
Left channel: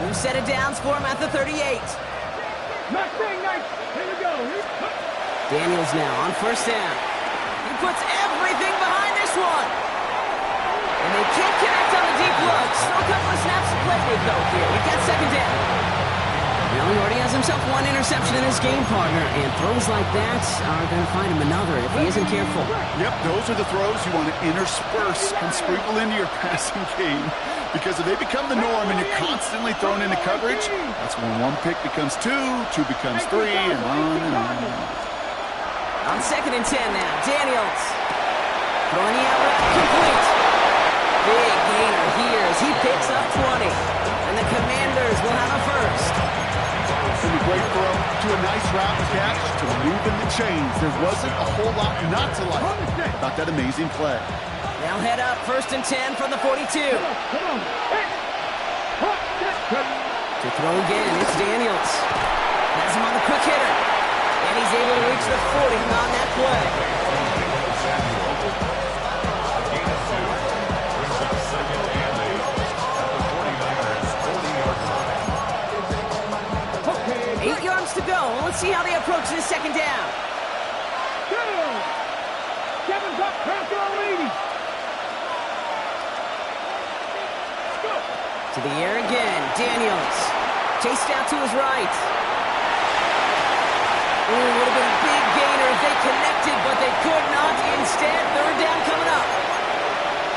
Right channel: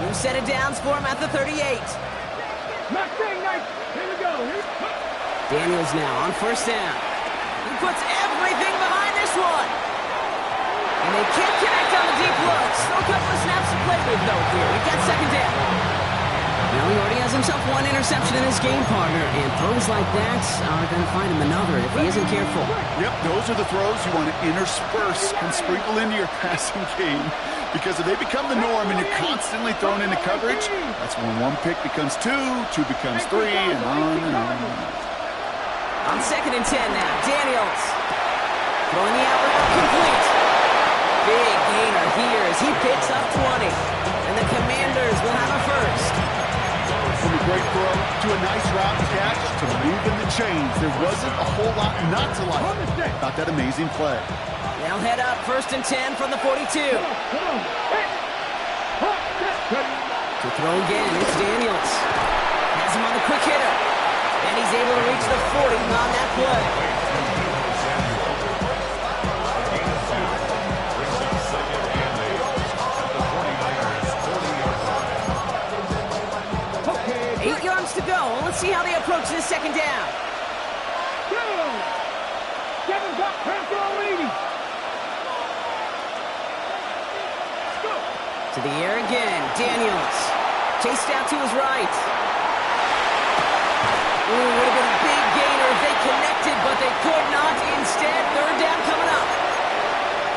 New set of downs for him at the 38. Mustang Knight. Here we go. Daniels now on first down. He puts everything behind this one. And they can't connect on the deep look. Still a couple of snaps to play with, though, here. We've got second down. Well, he already has himself one interception in his game partner, and throws like that are going to find him another if he isn't careful. Yep, those are the throws you want to intersperse and sprinkle into your passing game. Because if they become the norm and you're constantly thrown into coverage, that's when one pick becomes two becomes three, and on and on. On second and 10 now, Daniels throwing the out route complete. Big gainer here as he picks up 20. And the Commanders will have a first. From a great throw to a nice route and catch to moving the chains, there wasn't a whole lot not to like about that amazing play. They'll head up first and 10 from the 42. Come on. To throw again, it's Daniels. Has him on the quick hitter. And he's able to reach the 40 on that play. To go. Let's see how they approach this second down. Kevin's up, Panther 80. Go. To the air again. Daniels chased out to his right. Ooh, would have been a big gainer if they connected, but they could not. Instead, third down coming up.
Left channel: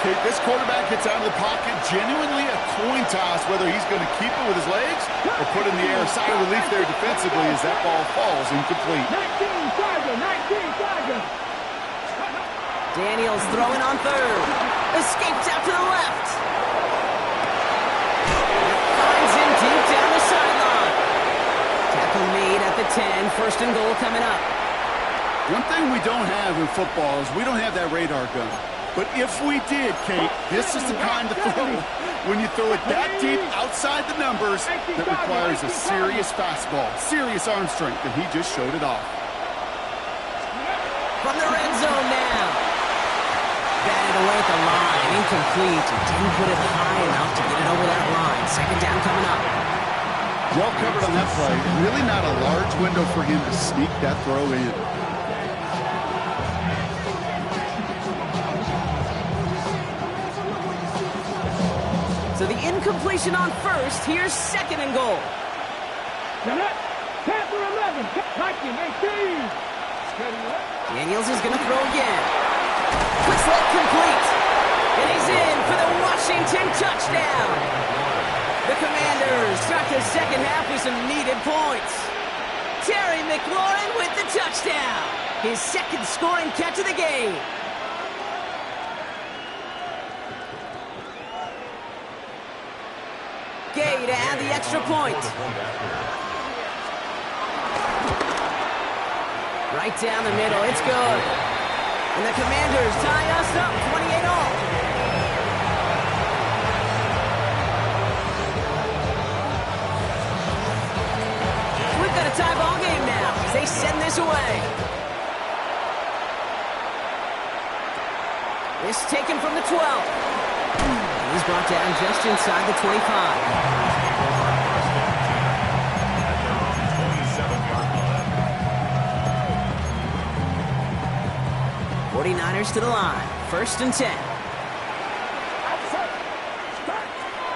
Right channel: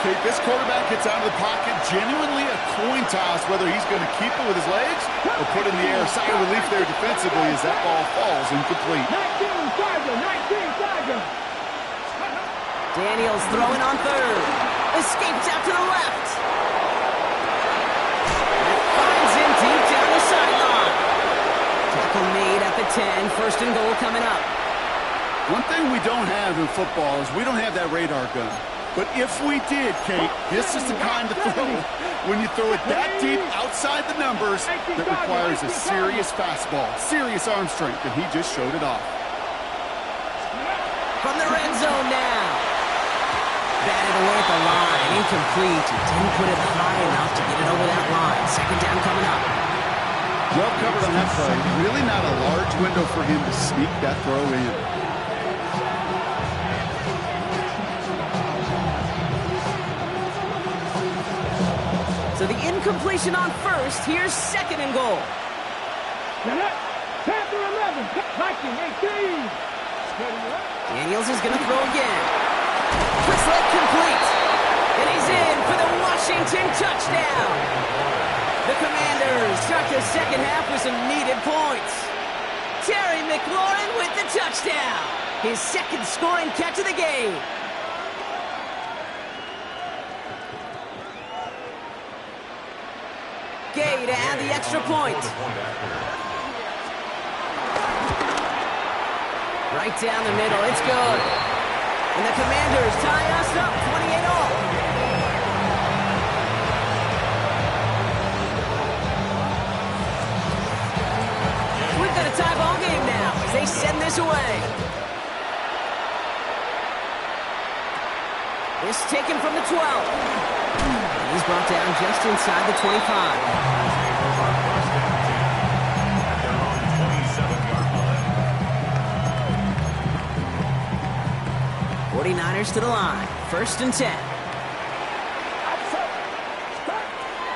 Kate, this quarterback gets out of the pocket, genuinely a coin toss whether he's going to keep it with his legs or put it in the air. Sigh of relief there defensively as that ball falls incomplete. 19 Tiger. Daniels throwing on third. Escapes out to the left. That finds him deep down the sideline. Tackle made at the 10. First and goal coming up. One thing we don't have in football is we don't have that radar gun. But if we did, Kate, this is the kind of throw when you throw it that deep outside the numbers that requires a serious fastball, serious arm strength, and he just showed it off. From the red zone now. Batted away at the line, incomplete. Didn't put it high enough to get it over that line. Second down coming up. Well covered on that play. Really not a large window for him to sneak that throw in. So the incompletion on first. Here's second and goal. Now that, Panther 11, Viking 18. Daniels is going to throw again. Quick sled complete. And he's in for the Washington touchdown. The Commanders start the second half with some needed points. Terry McLaurin with the touchdown. His second scoring catch of the game. Gay to add the extra point. Right down the middle, it's good. And the Commanders tie us up 28-all. We've got a tie ball game now as they send this away. This taken from the 12. He's brought down just inside the 25. 49ers to the line. First and 10.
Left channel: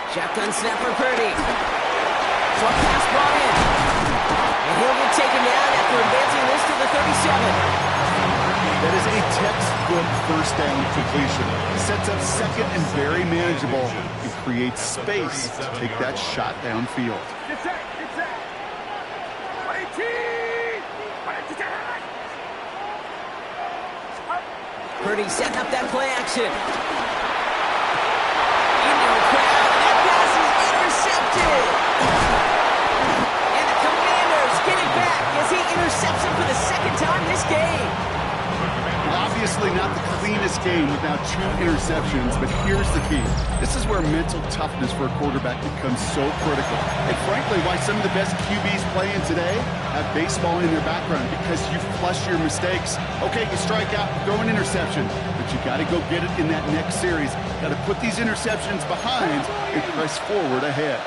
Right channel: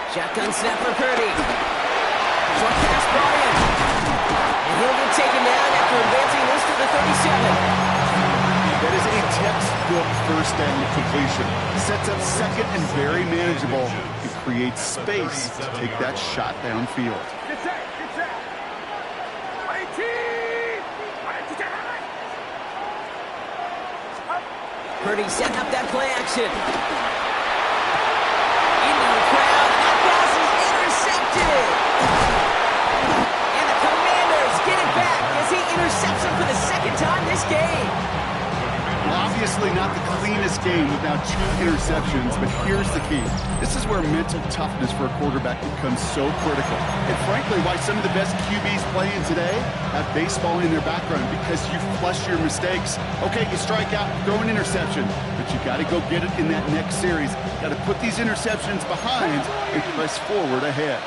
Shotgun snap for Purdy. Short pass brought in. And he'll get taken down after advancing this to the 37. That is a textbook first down completion. Sets up second and very manageable and creates space to take that shot downfield. Get set. 18. Purdy setting up that play action. Into a crowd, and that pass is intercepted. And the Commanders get it back as he intercepts him for the second time this game. Well, obviously not the cleanest game without 2 interceptions, but here's the key. This is where mental toughness for a quarterback becomes so critical. And frankly, why some of the best QBs playing today have baseball in their background, because you flush your mistakes. Okay, you strike out, throw an interception, but you got to go get it in that next series. Got to put these interceptions behind and press forward ahead.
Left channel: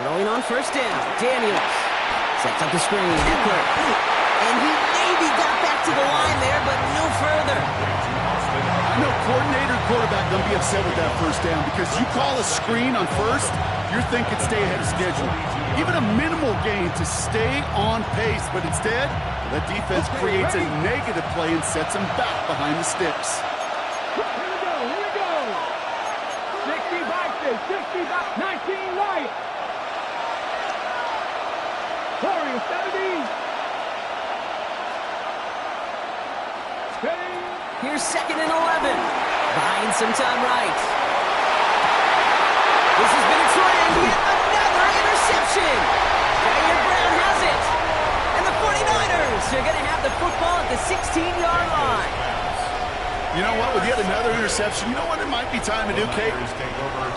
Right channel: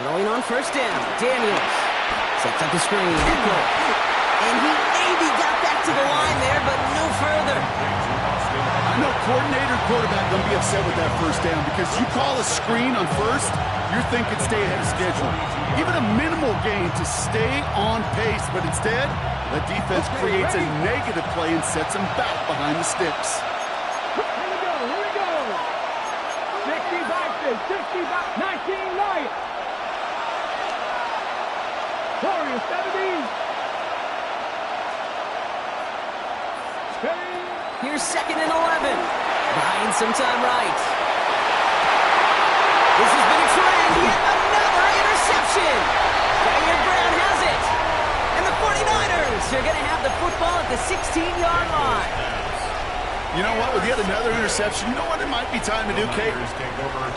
Throwing on first down, Daniels sets up the screen, Eckler. And he maybe got back to the line there, but no further. I know coordinator quarterback going to be upset with that first down, because you call a screen on first, you're thinking stay ahead of schedule. Even a minimal gain to stay on pace, but instead, that defense creates a negative play and sets them back behind the sticks. Here we go. 65, 19 Lions. Warriors 70. Here's 2nd and 11. Buying some time right. This has been a trend. Yet another interception. Diane Brown has it. And the 49ers are going to have the football at the 16-yard line. You know what? With yet another interception, you know what it might be time to do, Kate?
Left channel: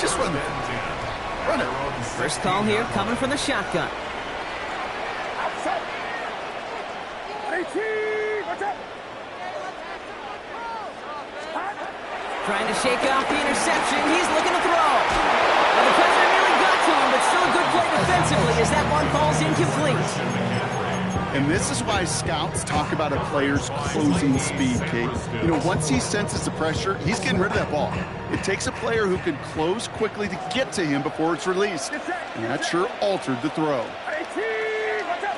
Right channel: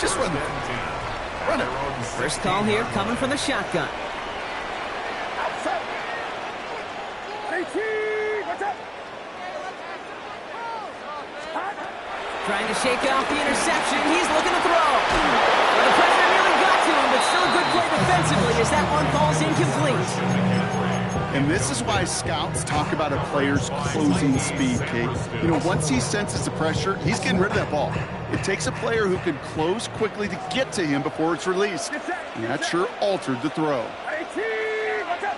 Just run it. Run it. First call here coming from the shotgun. Outside. 18. What's up? Trying to shake off the interception. He's looking to throw. Well, the pressure nearly got to him, but still a good play defensively as that one falls incomplete. And this is why scouts talk about a player's closing speed, Kate. You know, once he senses the pressure, he's getting rid of that ball. It takes a player who can close quickly to get to him before it's released. And that sure altered the throw. 18. What's up?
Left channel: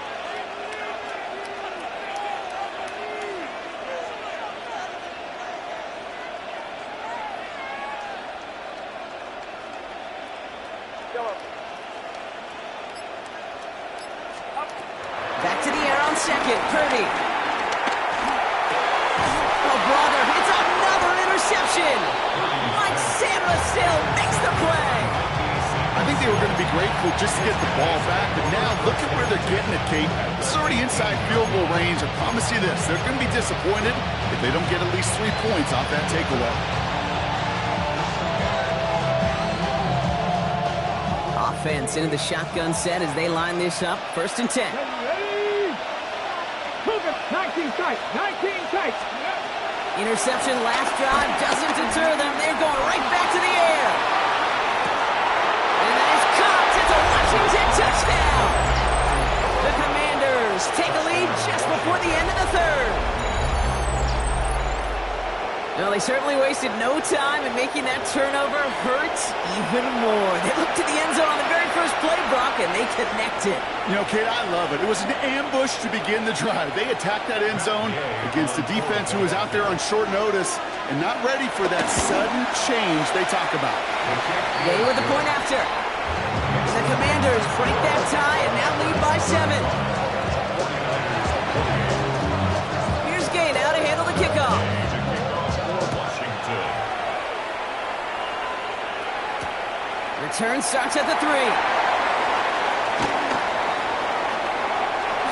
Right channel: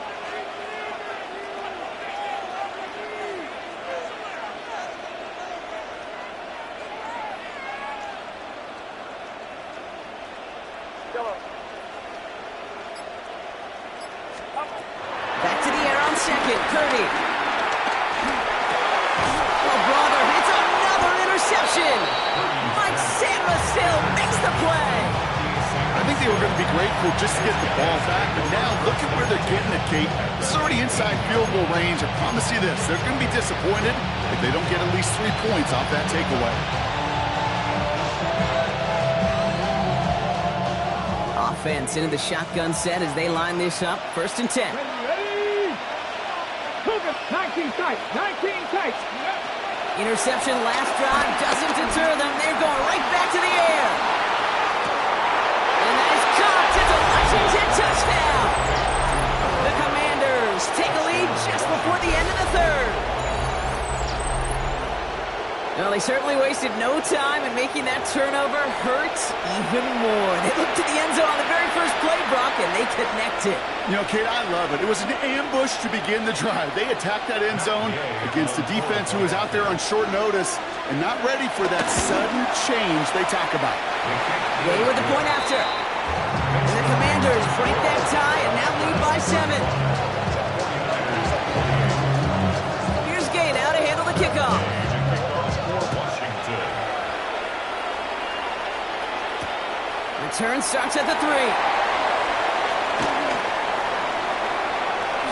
Back to the air on second. Purdy. Oh, brother. It's another interception. Mike Sandra still makes the play. I think they were going to be grateful just to get the ball back, but now look at where they're getting it, Kate. This is already inside field goal range. I promise you this, they're going to be disappointed if they don't get at least 3 points off that takeaway. Offense into the shotgun set as they line this up. 1st and 10. Ready. Cougar. 19 tight. 19 tight. Interception last drive doesn't deter them. They're going right back to the air. And that is caught. It's a Washington touchdown. The Commanders take a lead just before the end of the 3rd. Well, they certainly wasted no time in making that turnover hurt even more. They looked to the end zone on the very first play, Brock, and they connected. You know, Kate, I love it. It was an ambush to begin the drive. They attacked that end zone against a defense who was out there on short notice and not ready for that sudden change they talk about. Gay with the point after. And the Commanders break that tie and now lead by 7. Here's Gay now to handle the kickoff. Return starts at the 3.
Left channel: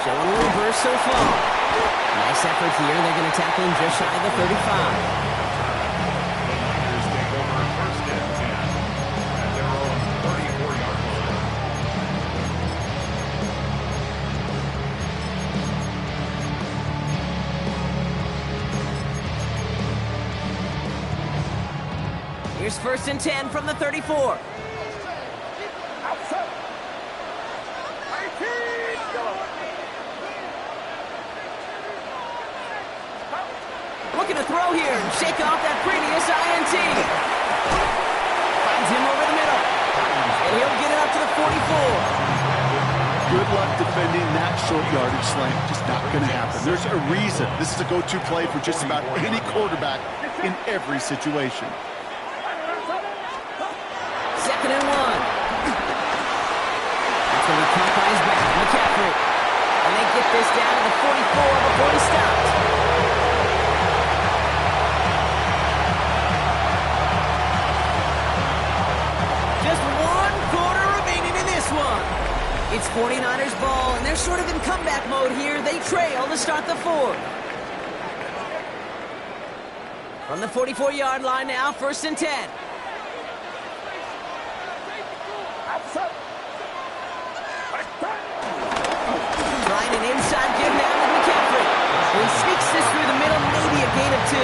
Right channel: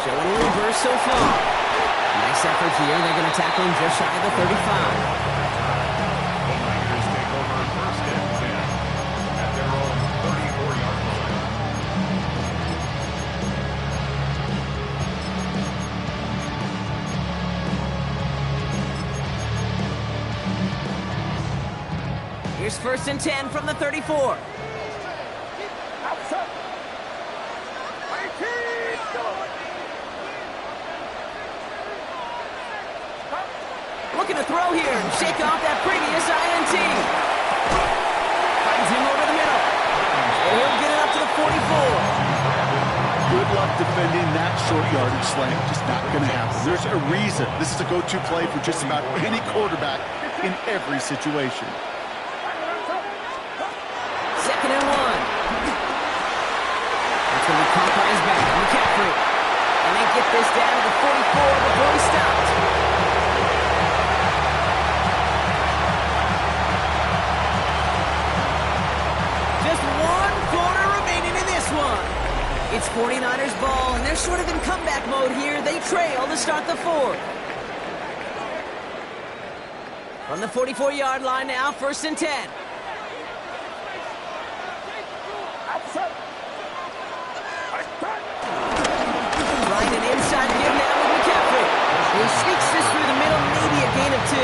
Showing a little burst so far. Nice effort here. They're going to tackle him just shy of the 35. The Niners take over 1st and 10 at their own 34-yard line. Here's 1st and 10 from the 34. Outside. 18. Looking to throw here and shake off that previous INT. Finds him over the middle. And he'll get it up to the 44. Good luck defending that short yardage slant. Just not going to happen. There's a reason. This is a go-to play for just about any quarterback in every situation. 2nd and 1. That's going to be caught by his back. McCaffrey. And they get this down to the 44 before he stopped. Just 1 quarter remaining in this one. It's 49ers ball, and they're sort of in comeback mode here. They trail to start the fourth. From the 44-yard line now, 1st and 10. Trying an inside give now with McCaffrey. And he sneaks this through the middle, maybe a gain of 2.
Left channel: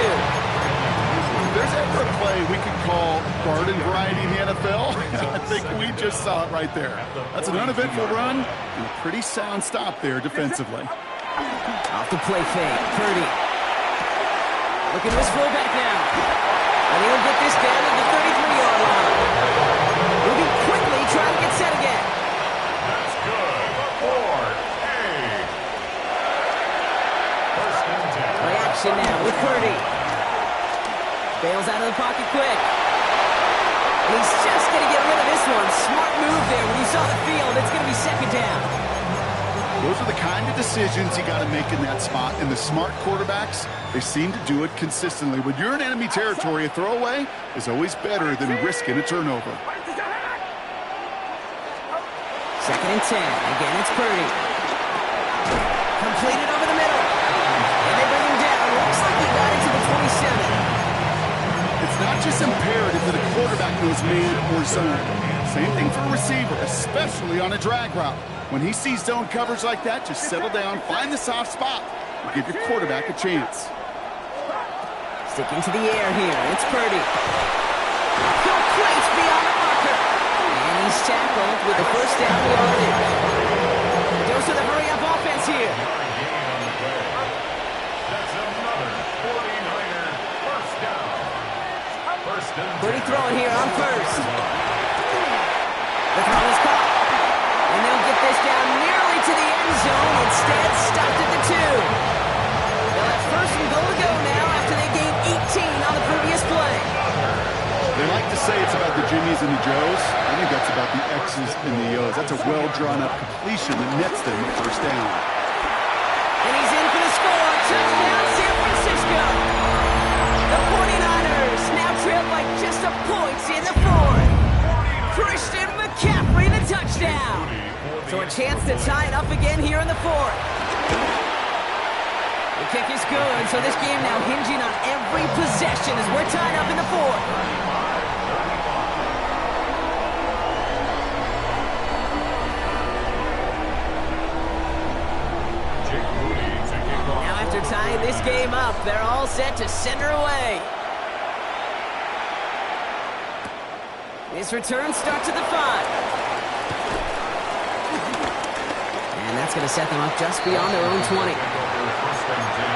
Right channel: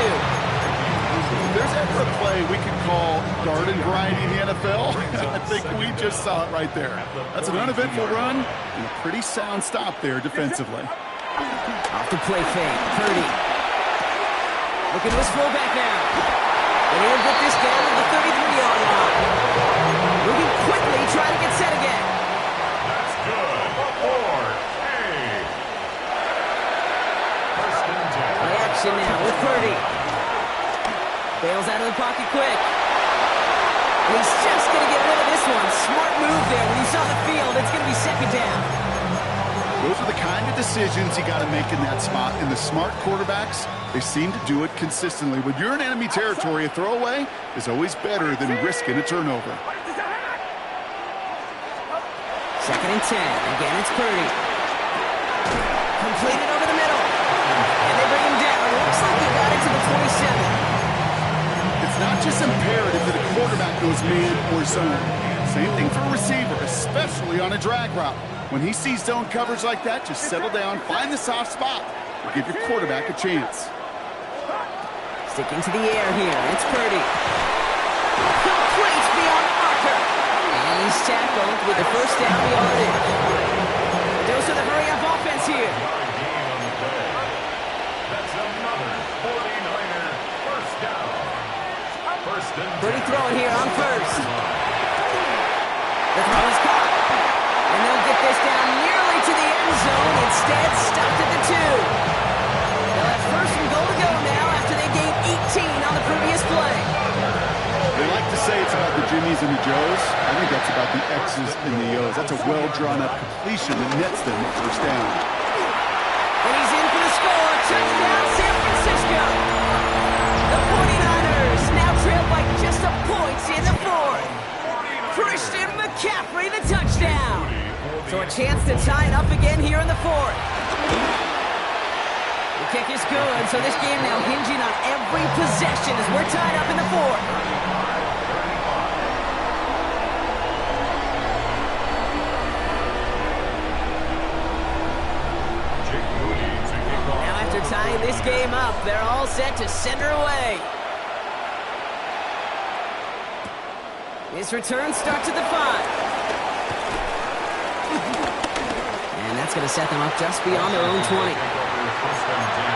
If there's ever a play we could call garden variety in the NFL, I think we just saw it right there. That's an uneventful run and a pretty sound stop there defensively. Off the play fake, Purdy. Looking to his fullback now. And he'll get this down to the 33-yard line. Moving quickly, trying to get set again. That's good. 4-8. 1st and 10. Play action now with Purdy. Bails out of the pocket quick. And he's just going to get rid of this one. Smart move there. When you saw the field, it's going to be 2nd down. Those are the kind of decisions you got to make in that spot. And the smart quarterbacks, they seem to do it consistently. When you're in enemy territory, a throwaway is always better than risking a turnover. 2nd and 10. Again, it's Purdy. Completed over the middle. And they bring him down. Looks like he got it to the 27. It's not just imperative that a quarterback knows man or zone. Same thing for a receiver, especially on a drag route. When he sees zone coverage like that, just settle down, find the soft spot, and give your quarterback a chance. Sticking to the air here, it's Purdy. Uphill place beyond the marker. And he's tackled with the 1st down yardage. A dose of the hurry-up offense here. Gain on the play. That's another 49er 1st down. 1st and 10. Purdy throwing here on 1st. The throw is caught. And they'll get this down nearly to the end zone. Instead, stopped at the 2. They'll have 1st and goal to go now after they gained 18 on the previous play. They like to say it's about the Jimmies and the Joes. I think that's about the X's and the O's. That's a well-drawn-up completion that nets them the 1st down. And he's in for the score. Touchdown, San Francisco. The 49ers now trailed by just a point in the 4th. Christian McCaffrey, the touchdown. So a chance to tie it up again here in the 4th. The kick is good, so this game now hinging on every possession as we're tied up in the 4th. Now after tying this game up, they're all set to send her away. His return starts at the 5. And that's going to set them up just beyond their own 20. 1st and 10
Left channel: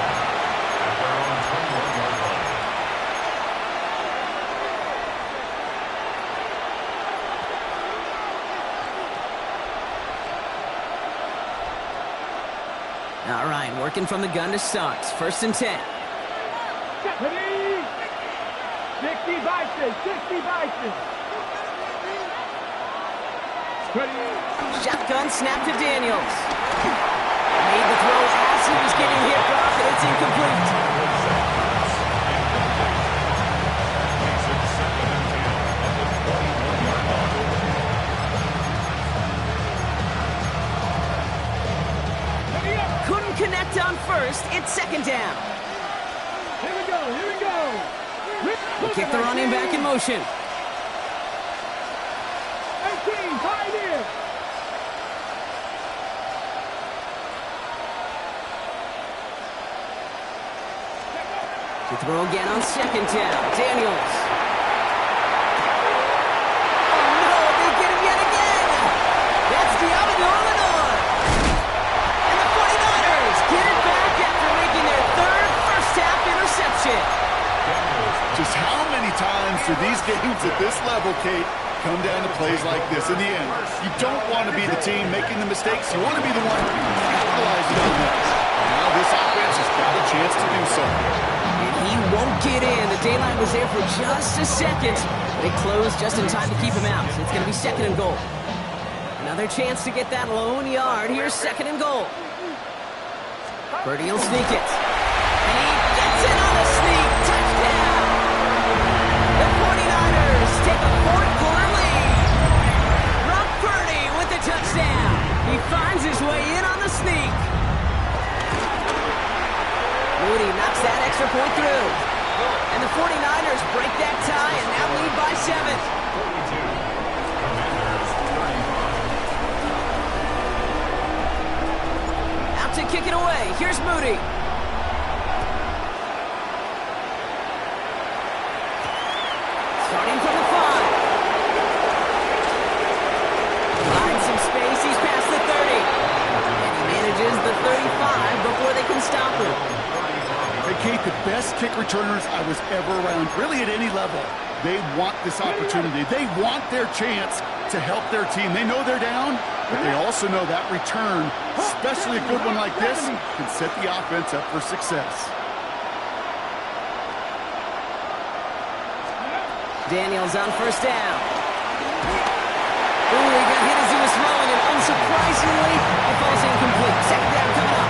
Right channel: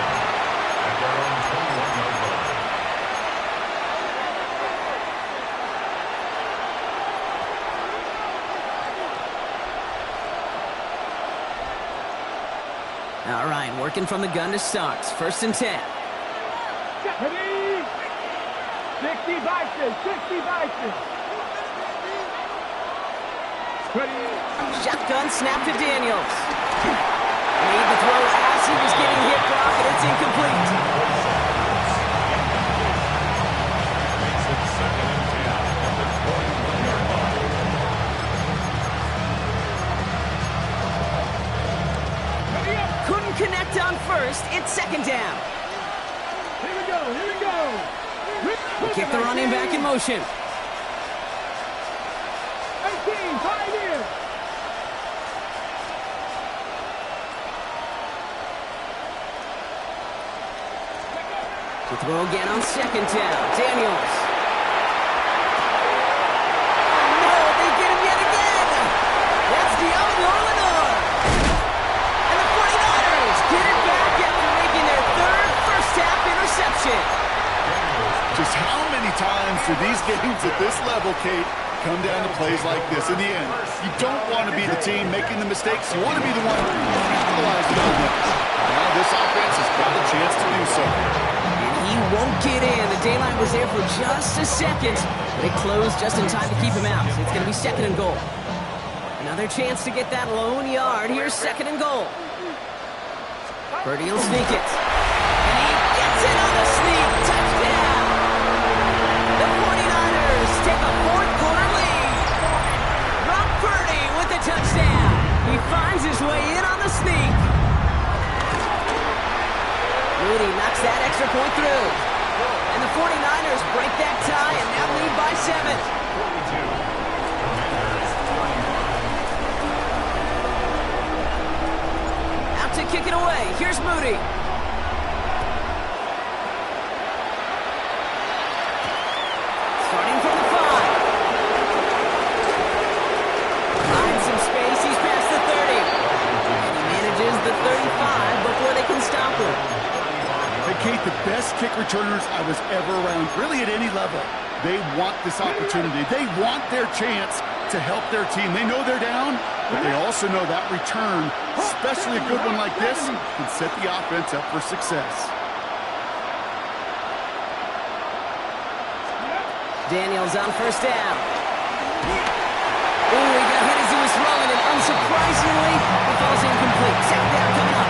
at their own 21-yard line. All right, working from the gun to start. 1st and 10. 60 Vikings, 60 Vikings. Shotgun snap to Daniels. Made the throw as he was getting hit, Brock, and it's incomplete. Makes it 2nd and 10 at the 21-yard line. Couldn't connect on 1st. It's 2nd down. Here we go, here we go. They kick the running back in motion. 18, Pioneer. To throw again on 2nd down. Daniels. Oh no, they get him yet again. That's Diablo Lenore. And the 49ers get it back after making their 3rd first-half interception. Just how many times do these games at this level, Kate, come down to plays like this? In the end, you don't want to be the team making the mistakes. You want to be the one capitalizing on them. Now this offense has got a chance to do so. And he won't get in. The daylight was there for just a second, but it closed just in time to keep him out. It's going to be 2nd and goal. Another chance to get that lone yard. Here's 2nd and goal. Purdy will sneak it. And he gets it on the sneak. Touchdown! The 49ers take a fourth-quarter lead. Brock Purdy with the touchdown. He finds his way in on the sneak. Moody knocks that extra point through. And the 49ers break that tie and now lead by 7. 42. Commanders 35. Out to kick it away. Here's Moody. Starting from the 5. Finds some space. He's past the 30. And he manages the 35 before they can stop him. Hey, Kate, the best kick returners I was ever around, really at any level. They want this opportunity. They want their chance to help their team. They know they're down, but they also know that return, especially a good one like this, can set the offense up for success. Daniels on first down. Ooh, he got hit as he was throwing, and unsurprisingly, it falls incomplete. Second down coming up.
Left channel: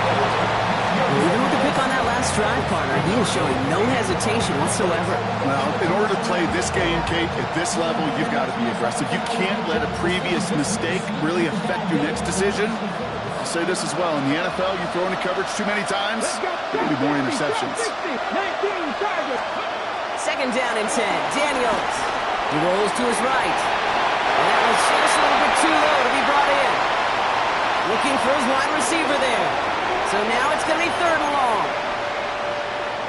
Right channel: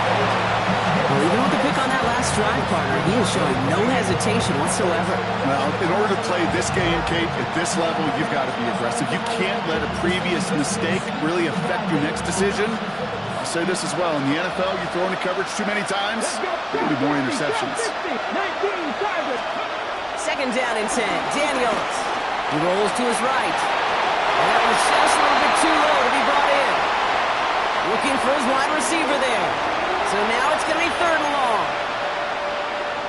Well, even with the pick on that last drive, partner, he is showing no hesitation whatsoever. Well, in order to play this game, Kate, at this level, you've got to be aggressive. You can't let a previous mistake really affect your next decision. I'll say this as well. In the NFL, you throw into coverage too many times, there will be more interceptions. 19 targets. Second down and 10. Daniels. He rolls to his right. And that was just a little bit too low to be brought in. Looking for his wide receiver there. So now it's going to be third and long.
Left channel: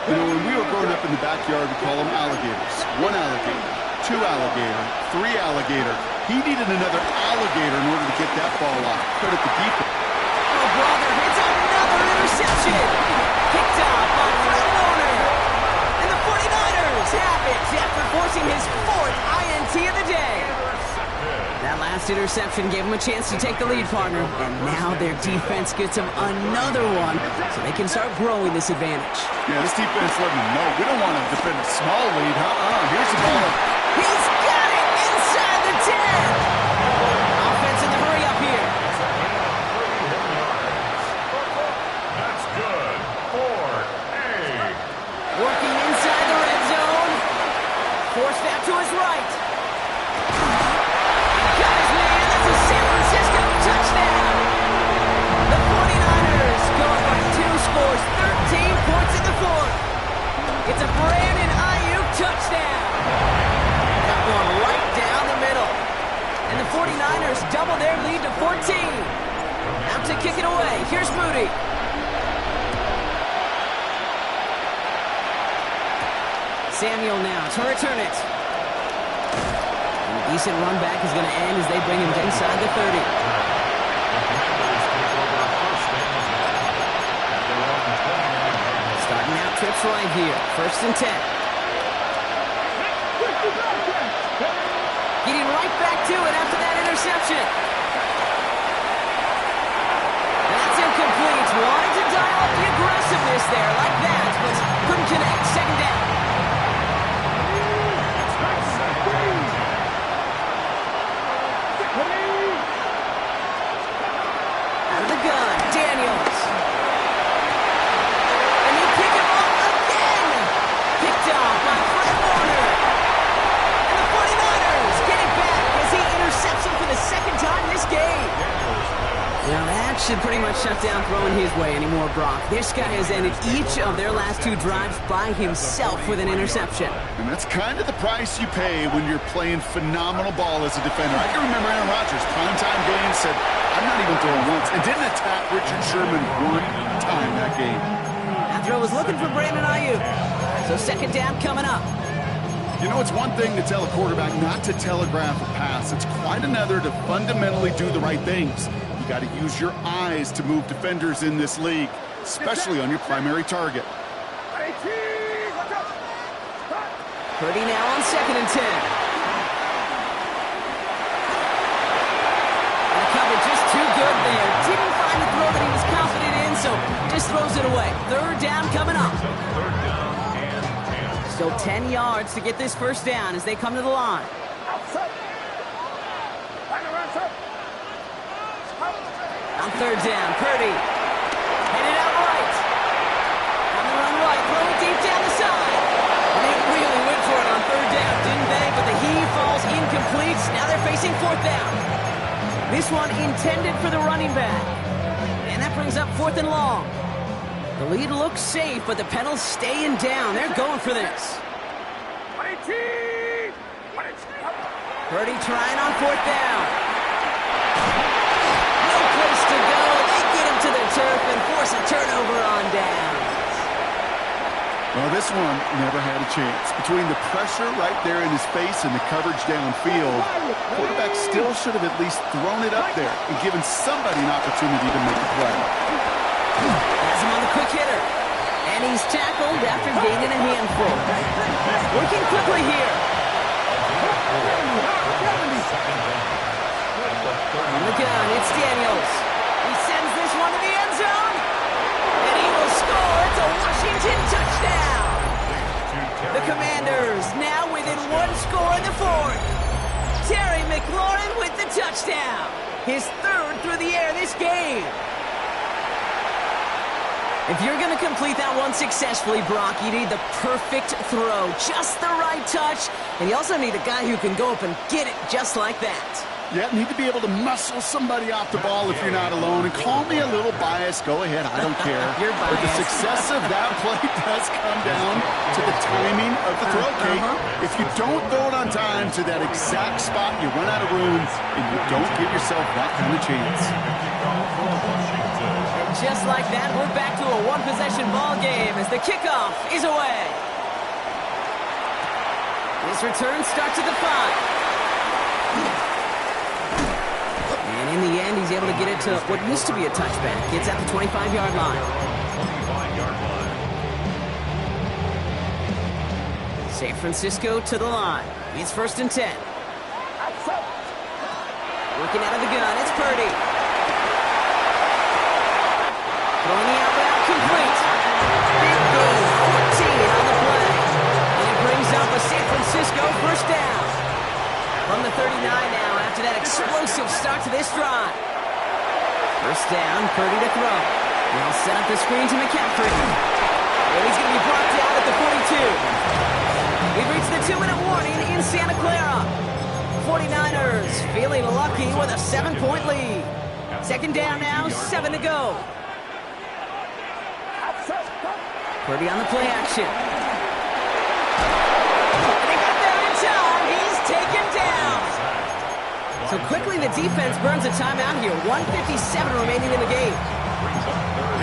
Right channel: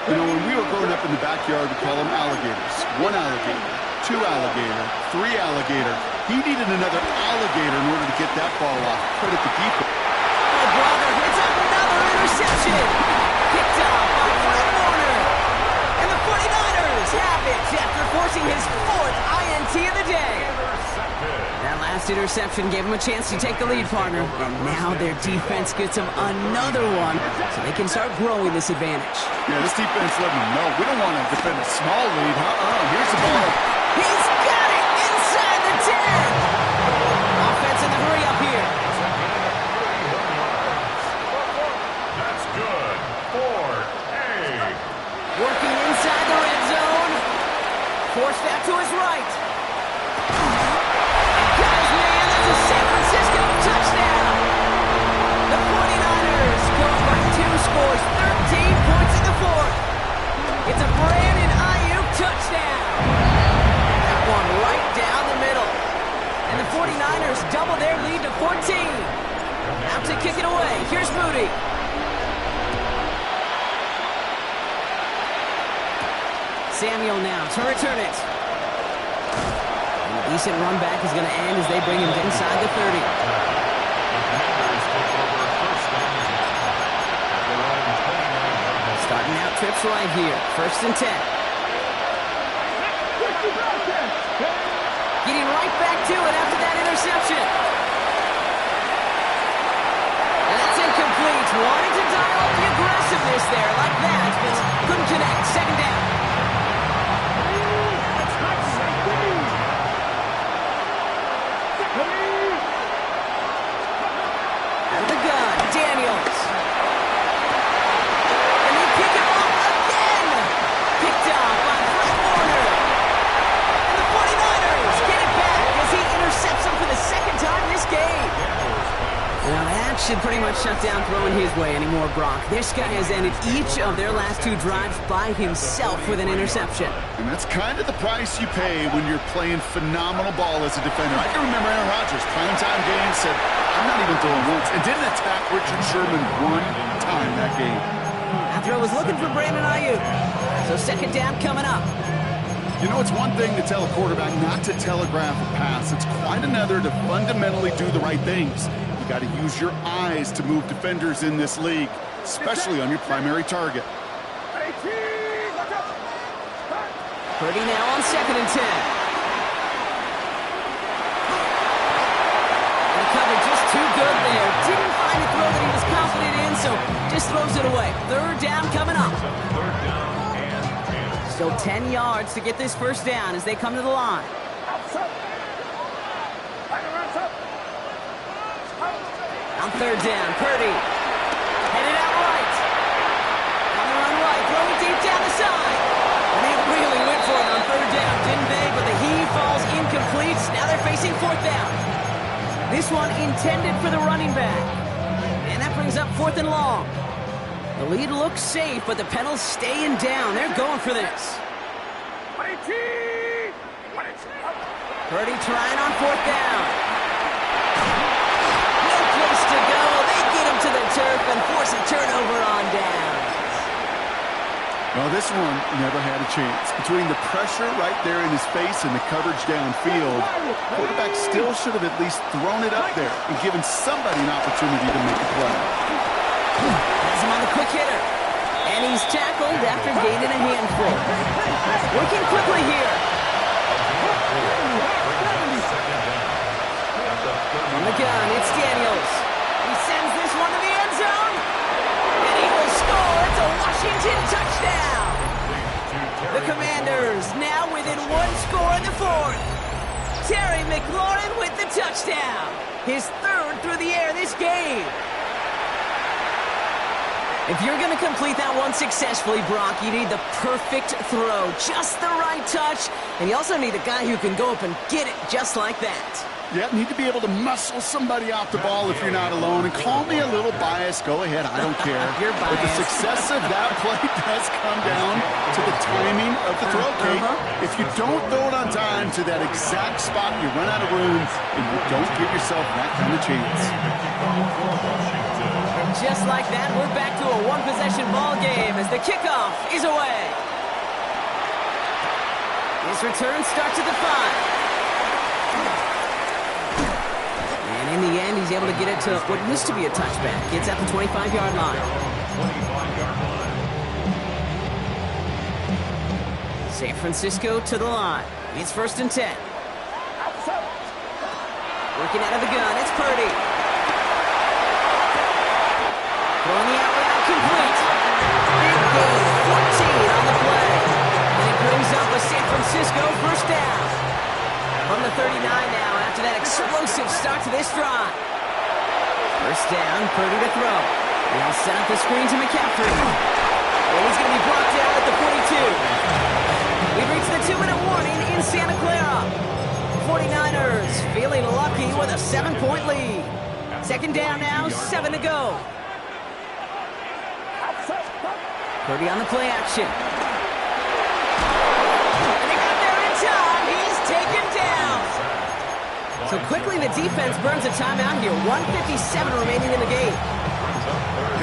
You know, when we were growing up in the backyard, we call them alligators. 1 alligator, 2 alligator, 3 alligator. He needed another alligator in order to get that ball off. Credit the defense. Oh, brother, it's another interception. Picked off by Fred Warner. And the 49ers have it after forcing his 4th INT of the day. That last interception gave him a chance to take the lead, partner. And now their defense gets them another one so they can start growing this advantage. Yeah, this defense letting them know we don't want to defend a small lead. Here's the ball. He's got it inside the 10. Offense in the hurry up here. It's a gain of 31 yards. That's good. 4A. Working inside the red zone. Forced that to his right. Got his man. That's a San Francisco touchdown. The 49ers go up by 2 scores, 13 points in the 4th. It's a Brandon Ayuk touchdown. That one right down the middle. And the 49ers double their lead to 14. Out to kick it away. Here's Moody. Samuel now to return it. A decent run back is going to end as they bring him inside the 30. The Commanders take over first down at their own 29-yard line. Starting out trips right here. First and 10. Getting right back to it after that interception. And that's incomplete. Wanted to dial up the aggressiveness there like that, but couldn't connect. Second down. Out of the gun, Daniels. And they pick him off again. Picked off by Fred Warner. And the 49ers get it back as he intercepts him for the second time this game. Now that should pretty much shut down throwing his way anymore, Brock. This guy has ended each of their last 2 drives by himself with an interception. And that's kind of the price you pay when you're playing phenomenal ball as a defender. I can remember Aaron Rodgers, primetime game, said, I'm not even throwing once, and didn't attack Richard Sherman 1 time that game. That throw was looking for Brandon Ayuk. So second down coming up. You know, it's one thing to tell a quarterback not to telegraph a pass. It's quite another to fundamentally do the right things. You got to use your eyes to move defenders in this league, especially on your primary target. Purdy now on second and 10. And the cover just too good there. Didn't find the throw that he was confident in, so just throws it away. Third down coming up. Third down and 10. Still 10 yards to get this first down as they come to the line. On third down, Purdy headed out right. Sideline right, throw it deep down the side. And they really went for it on third down, didn't they? But the heave falls incomplete. Now they're facing fourth down. This one intended for the running back. And that brings up fourth and long. The lead looks safe, but the penalty's staying down. They're going for this. Purdy trying on fourth down. No place to go. They get him to the turf and force a turnover on downs. Well, this one never had a chance. Between the pressure right there in his face and the coverage downfield, quarterback still should have at least thrown it up there and given somebody an opportunity to make a play. Has him on the quick hitter. And he's tackled after gaining a handful. Working quickly here. From the gun, it's Daniels. He sends this one to the end zone. And he will score. It's a Washington touchdown. The Commanders now within one score in the fourth. Terry McLaurin with the touchdown. His third through the air this game. If you're going to complete that one successfully, Brock, you need the perfect throw. Just the right touch. And you also need a guy who can go up and get it just like that. Yeah, need to be able to muscle somebody off the ball if you're not alone. And call me a little biased. Go ahead. I don't care. You're biased. But the success of that play does come down to the timing of the throw, Kate. If you don't throw it on time to that exact spot, you run out of room, and you don't give yourself that kind of chance. And just like that, we're back to a one-possession ball game as the kickoff is away. His return starts at the 5. And in the end, he's able to get it to what used to be a touchback. It's at the 25-yard line. 25-yard line. San Francisco to the line. It's first and 10. Working out of the gun, it's Purdy. Throwing the out route complete. Big gain, 14 on the play. And it brings up a San Francisco first down. From the 39 now after that explosive start to this drive. First down, Purdy to throw. Now set up the screen to McCaffrey. And he's going to be brought down at the 42. We've reached the 2-minute warning in Santa Clara. 49ers feeling lucky with a 7-point lead. Second down now, 7 to go. Purdy on the play action. And they got there in time. He's taken down. So quickly the defense burns a timeout here. 1:57 remaining in the game.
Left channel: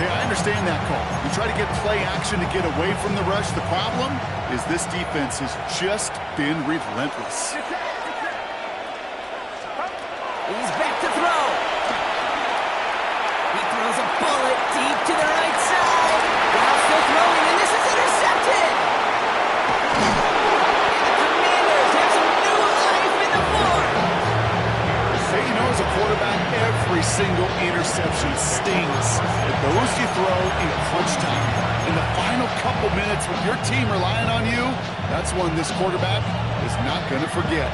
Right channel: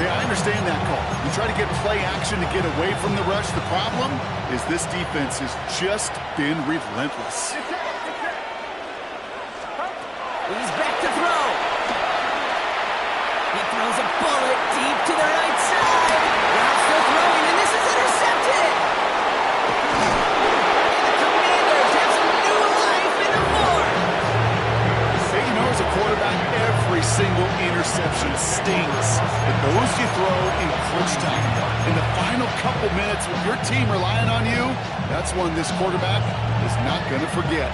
Yeah, I understand that call. You try to get play action to get away from the rush. The problem is this defense has just been relentless. He's back to throw. He throws a bullet deep to the right side. Now still throwing, and this is intercepted. And the Commanders have some new life in the fourth. Hey, you know, as a quarterback, every single interception stings. But those you throw in crunch time. In the final couple minutes with your team relying on you, that's one this quarterback is not going to forget.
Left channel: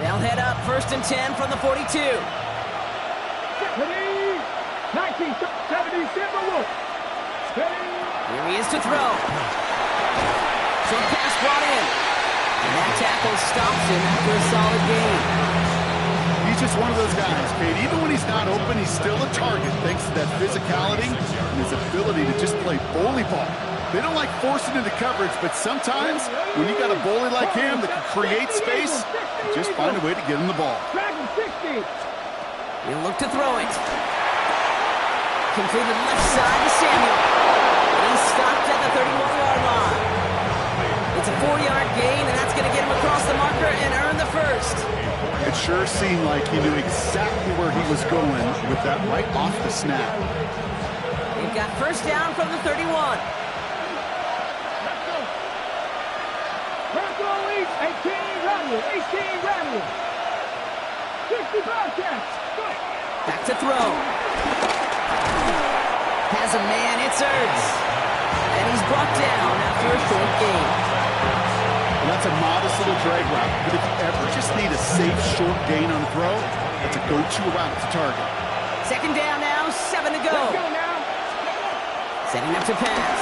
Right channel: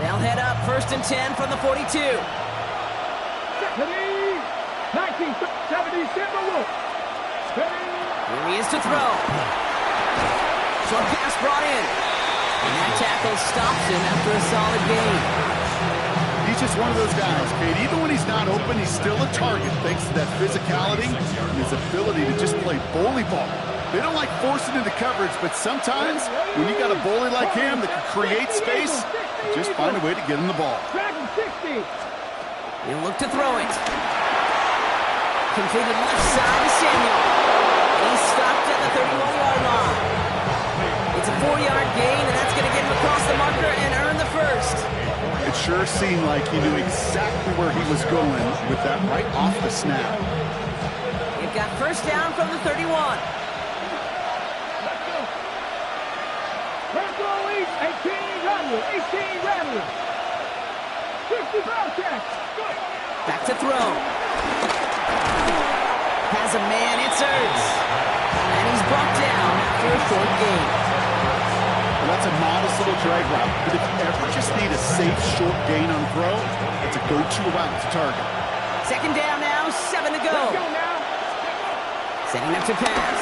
They'll head up first and 10 from the 42. 1977 Wolf. Here he is to throw. Short pass brought in. And that tackle stops him after a solid gain. He's just one of those guys, Kate. Even when he's not open, he's still a target thanks to that physicality and his ability to just play bully ball. They don't like forcing into coverage, but sometimes when you got a bully like him that can create space, you just find a way to get him the ball. Dragon 60. He'll look to throw it. Completed left side to Samuel. And he's stopped at the 31-yard line. It's a 4-yard gain, and that's going to get him across the marker and earn the first. It sure seemed like he knew exactly where he was going with that right off the snap. They've got first down from the 31. Purple East, 18 Rattler, 18 Rattler. 60 Bobcats. Go. Back to throw. Has a man, it's Ertz. And he's brought down after a short gain. that's a modest little drag route, but if you ever just need a safe, short gain on the throw, that's a go-to route to target. Second down now, 7 to go. Let's go now. Setting up to pass.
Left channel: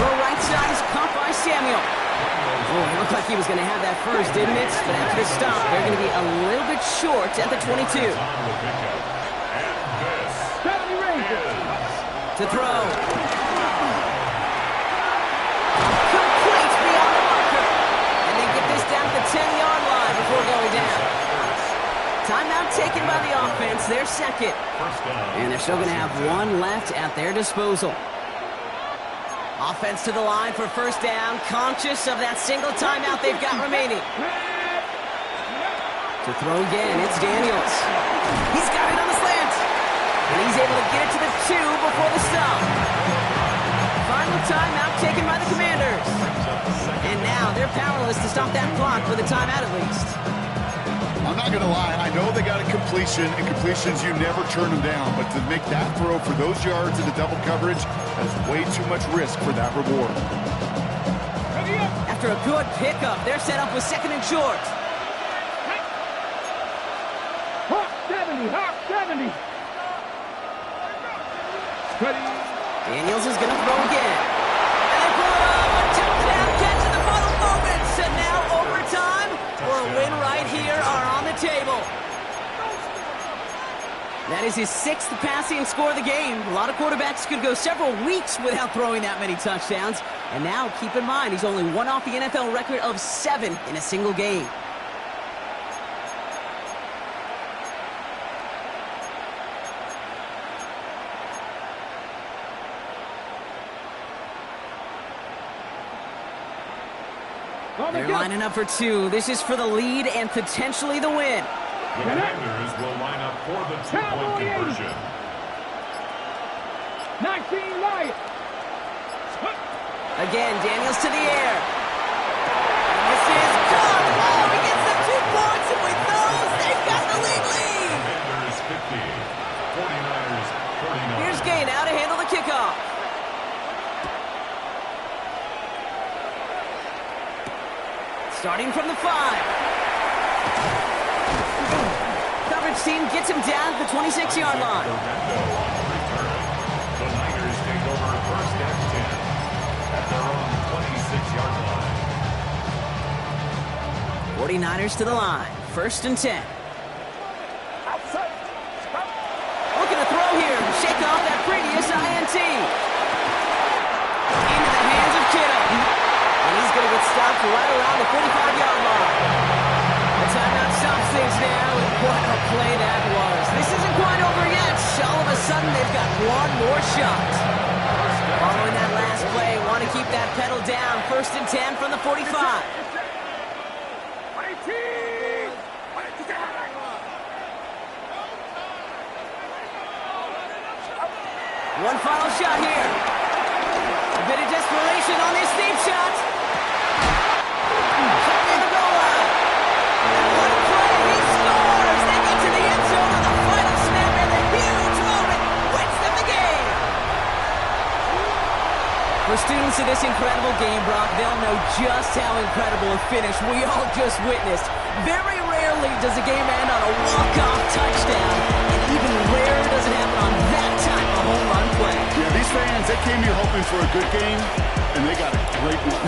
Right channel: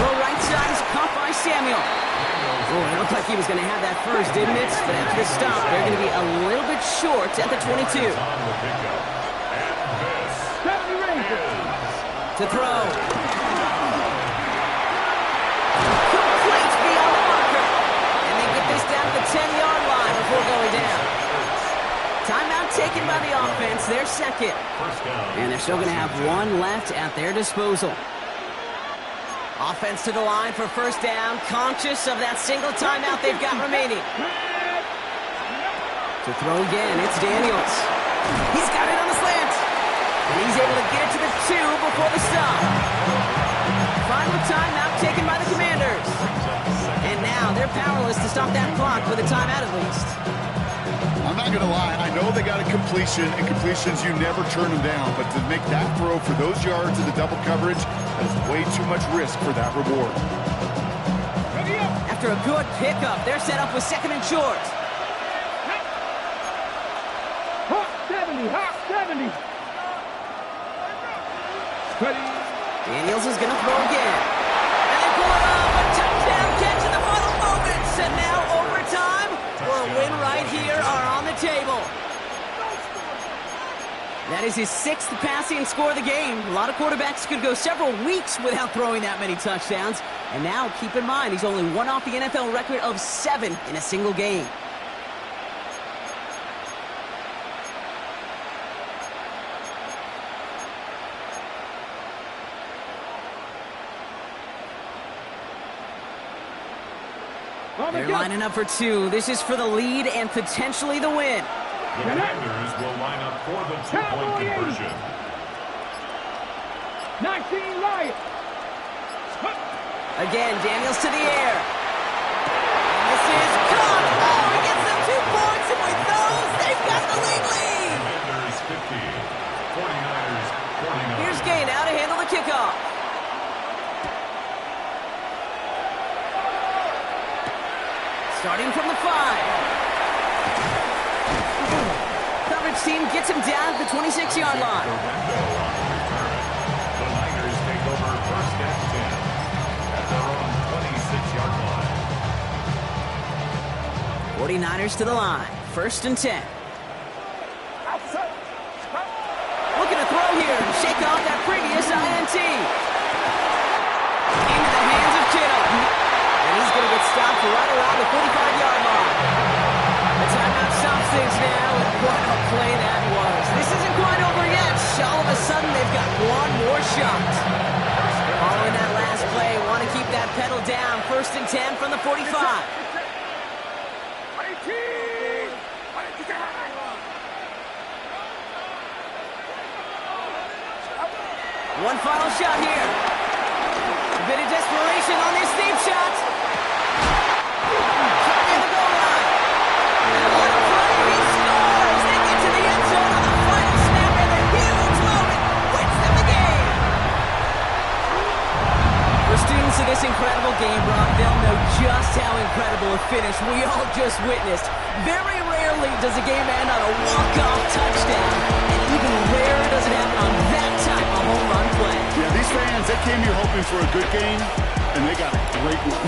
Throw right side is caught by Samuel. Oh, it looked like he was going to have that first, didn't it? But after the stop, they're going to be a little bit short at the 22. 70 Rangers. To throw. Complete beyond the marker. And they get this down to the 10-yard line before going down. Timeout taken by the offense, their second. And they're still going to have one left at their disposal. Offense to the line for first down, conscious of that single timeout they've got remaining. To throw again, it's Daniels. He's got it on the slant. And he's able to get it to the 2 before the stop. Final timeout taken by the Commanders. And now they're powerless to stop that clock with a timeout at least. I'm not going to lie. I know they got a completion, and completions, you never turn them down. But to make that throw for those yards in the double coverage, that's way too much risk for that reward. After a good pickup, they're set up with second and short. Hot 70, hot 70. Daniels is going to throw again. And they pull it off. A touchdown catch in the final moments. And now overtime or a win right here are on the table. That is his 6th passing score of the game. A lot of quarterbacks could go several weeks without throwing that many touchdowns. And now, keep in mind, he's only one off the NFL record of 7 in a single game. They're lining up for 2. This is for the lead and potentially the win. The Commanders will line up for the 2-point conversion. 19 Lions. Again, Daniels to the air. And this is caught. Oh, he gets them 2 points, and with those, they've got the lead. Commanders 50, 49ers 49. Here's Gay now to handle the kickoff. Starting from the 5. Coverage team gets him down at the 26-yard line. On the return. The Niners take over first and 10 at their own 26-yard line. 49ers to the line. First and 10. Looking to throw here. Shake off that previous INT. Into the hands of Kittle. And he's going to get stopped right around the 45-yard line. The timeout stops things now, and what a play that was. This isn't quite over yet. All of a sudden, they've got one more shot. Following that last play, want to keep that pedal down. First and 10 from the 45. One final shot here. A bit of desperation on this deep shot. In the goal line. And what a play. He scores. They get to the end zone on the final snap, and the huge moment wins them the game. For students of this incredible game, Brock, they'll know just how incredible a finish we all just witnessed. Very rarely does a game end on a walk-off touchdown, and even rarer does it happen on that type of home run play. Yeah, these fans, they came here hoping for a good game, and they got a great one.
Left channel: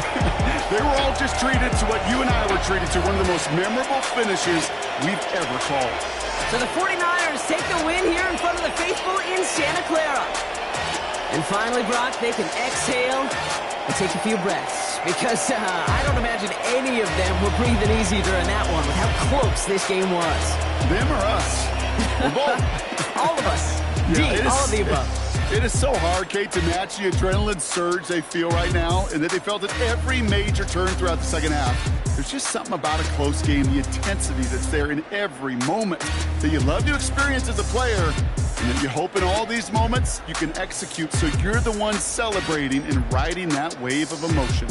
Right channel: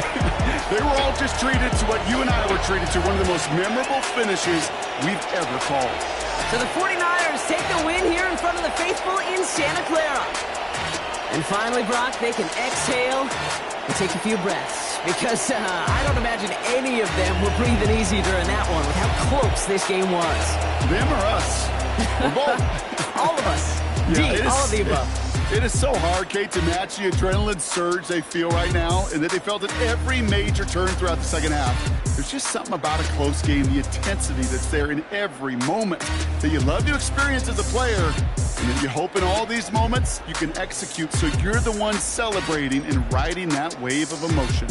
They were all just treated to what you and I were treated to, one of the most memorable finishes we've ever called. So the 49ers take the win here in front of the faithful in Santa Clara. And finally, Brock, they can exhale and take a few breaths. Because I don't imagine any of them were breathing easy during that one with how close this game was. Them or us? We're both. All of us. Yeah, all of the above. It is so hard, Kate, to match the adrenaline surge they feel right now, and that they felt at every major turn throughout the second half. There's just something about a close game, the intensity that's there in every moment that you love to experience as a player, and that you hope in all these moments you can execute so you're the one celebrating and riding that wave of emotion.